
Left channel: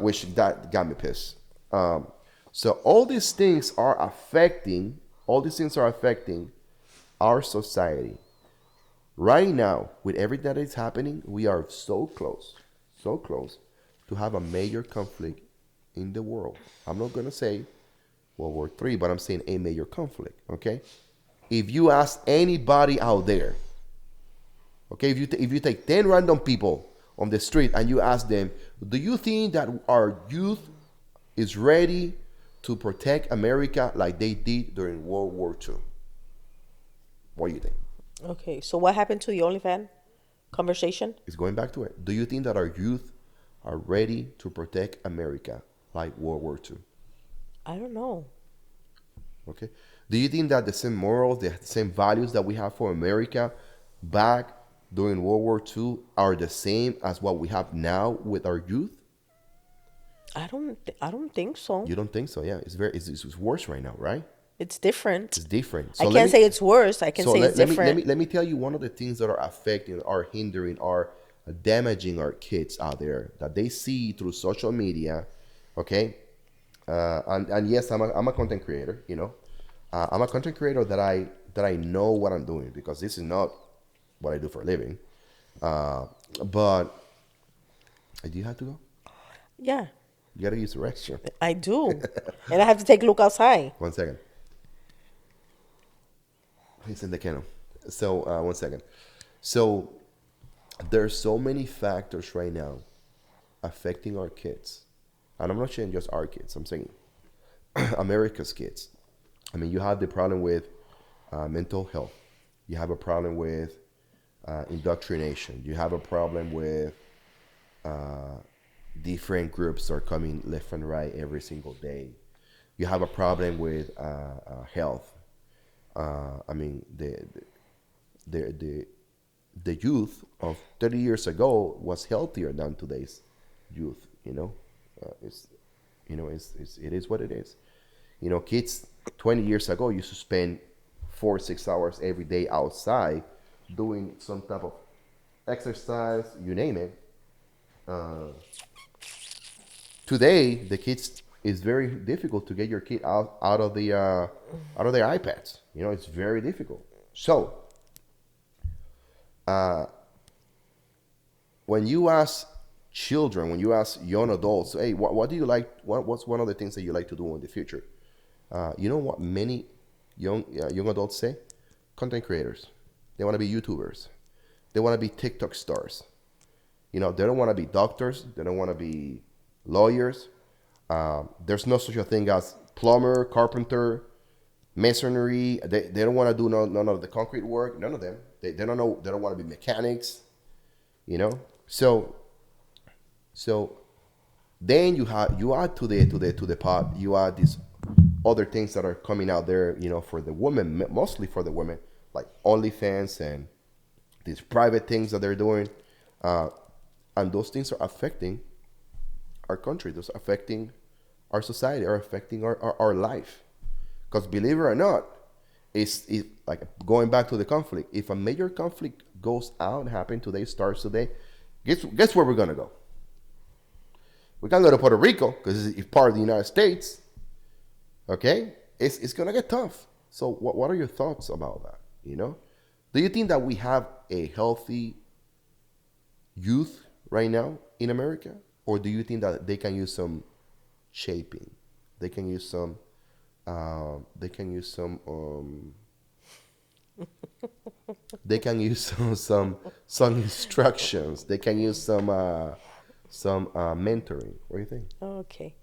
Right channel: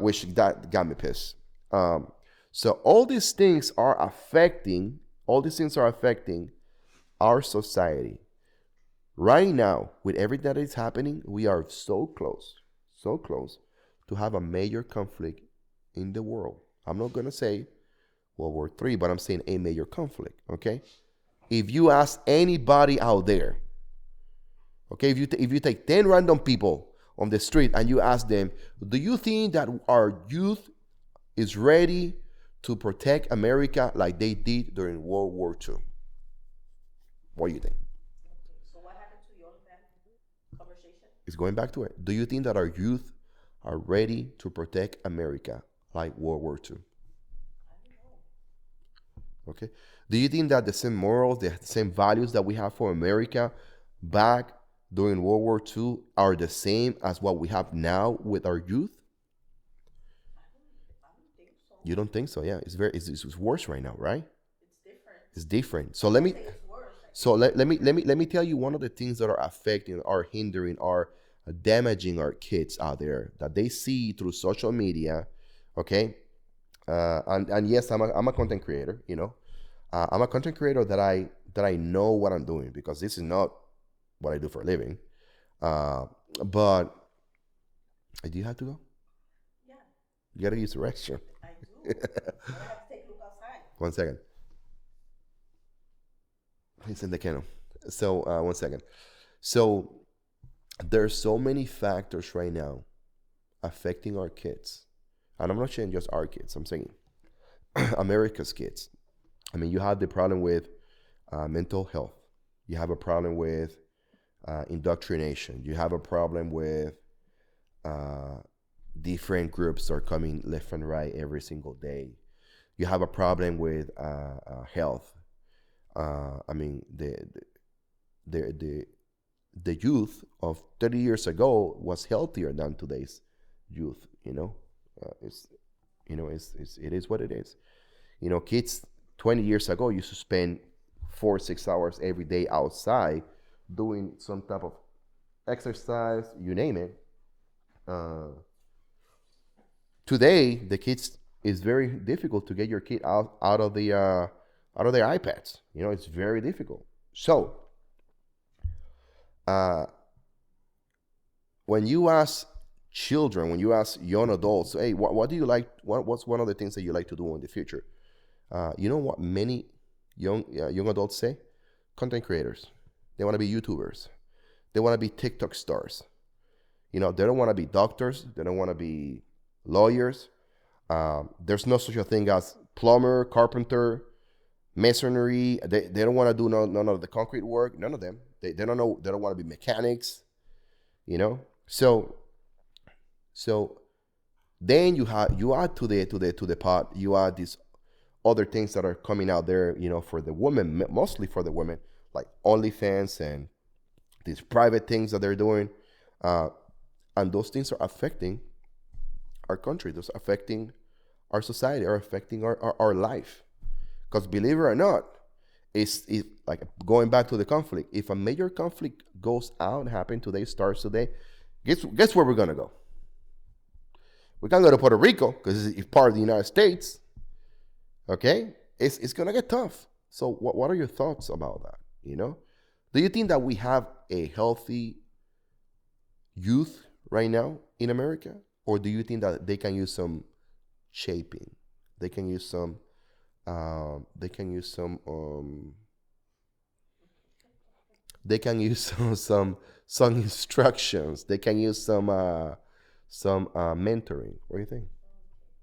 which that got me pissed. So all these things are affecting our society. Right now, with everything that is happening, we are so close to have a major conflict in the world. I'm not going to say World War III, but I'm saying a major conflict, okay? If you ask anybody out there, okay, if you take 10 random people on the street and you ask them, do you think that our youth is ready to protect America like they did during World War II? What do you think? Okay, so what happened to the OnlyFans conversation? It's going back to it. Do you think that our youth are ready to protect America like World War II? I don't know. Okay. Do you think that the same morals, the same values that we have for America back during World War II are the same as what we have now with our youth? I don't think so. You don't think so? Yeah, it's worse right now, right? It's different. It's different. I can't say it's worse. I can say it's let different. me tell you one of the things that are affecting, are hindering, are damaging our kids out there that they see through social media. Okay, and yes, I'm a content creator. I'm a content creator that I know what I'm doing, because this is not what I do for a living. But do you have to go? Yeah, You gotta use the restroom. I do, and I have to take a look outside. 1 second. He's in the kennel. So 1 second. So there's so many factors right now affecting our kids, and I'm not saying just our kids. I'm saying America's kids. I mean, you have the problem with mental health. You have a problem with indoctrination. You have a problem with different groups are coming left and right every single day. You have a problem with health. I mean, the youth of 30 years ago was healthier than today's youth. It is what it is. Kids 20 years ago used to spend 4-6 hours every day outside doing some type of exercise, you name it. Today, the kids, it's very difficult to get your kid out of their iPads. It's very difficult. So, when you ask children, when you ask young adults, hey, what do you like? What's one of the things that you like to do in the future? You know what many young adults say? Content creators. They want to be YouTubers. They want to be TikTok stars. They don't want to be doctors. They don't want to be lawyers. There's no such a thing as plumber, carpenter, masonry. They don't want to do none of the concrete work. None of them. They don't know. They don't want to be mechanics. You know. So then you add to the pot. You add these other things that are coming out there. You know, for the women, mostly for the women, like OnlyFans and these private things that they're doing, and those things are affecting our country. Those are affecting our society, are affecting our life. Because believe it or not, it's like going back to the conflict. If a major conflict goes out, happen today, starts today, guess where we're gonna go? We can't go to Puerto Rico because it's part of the United States. Okay, it's gonna get tough. So what are your thoughts about that? You know, do you think that we have a healthy youth right now in America, or do you think that they can use some shaping? They can use some. They can use some. They can use some instructions. They can use some mentoring. What do you think? Okay.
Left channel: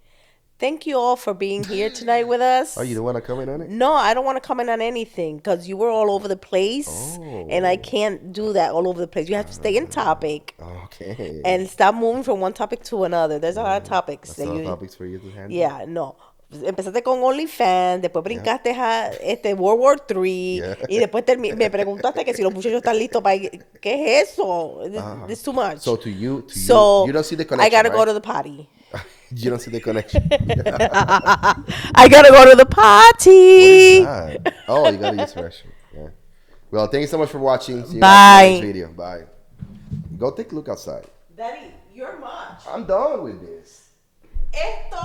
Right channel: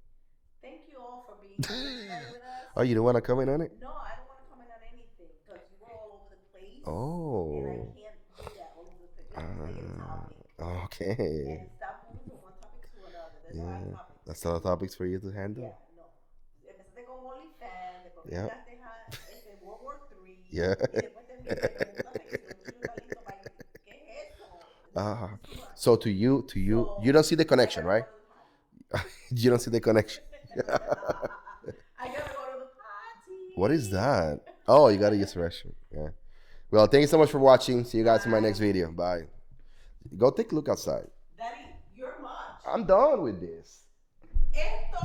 Thank you all for being here tonight with us. Oh, you don't want to comment on it? No, I don't want to comment on anything because you were all over the place. And I Oh, can't do that all over the place. You have to stay in topic okay. and stop moving from one topic to another. There's a lot of topics. That's that a lot of you- topics for you to handle. Yeah, no. Empezaste con OnlyFans, después Yeah. brincaste a World War III Yeah. y después me preguntaste que si los muchachos están listos para ir. ¿Qué es eso? It's too much. So to you, So, you don't see the connection, I gotta right? go to the potty. You don't see the connection. I gotta go to the potty. What is that? Oh, you gotta use restroom. Yeah. Well, thank you so much for watching. See you guys in Bye. the next video. Bye. Go take a look outside. Daddy, you're much. I'm done with this. Esto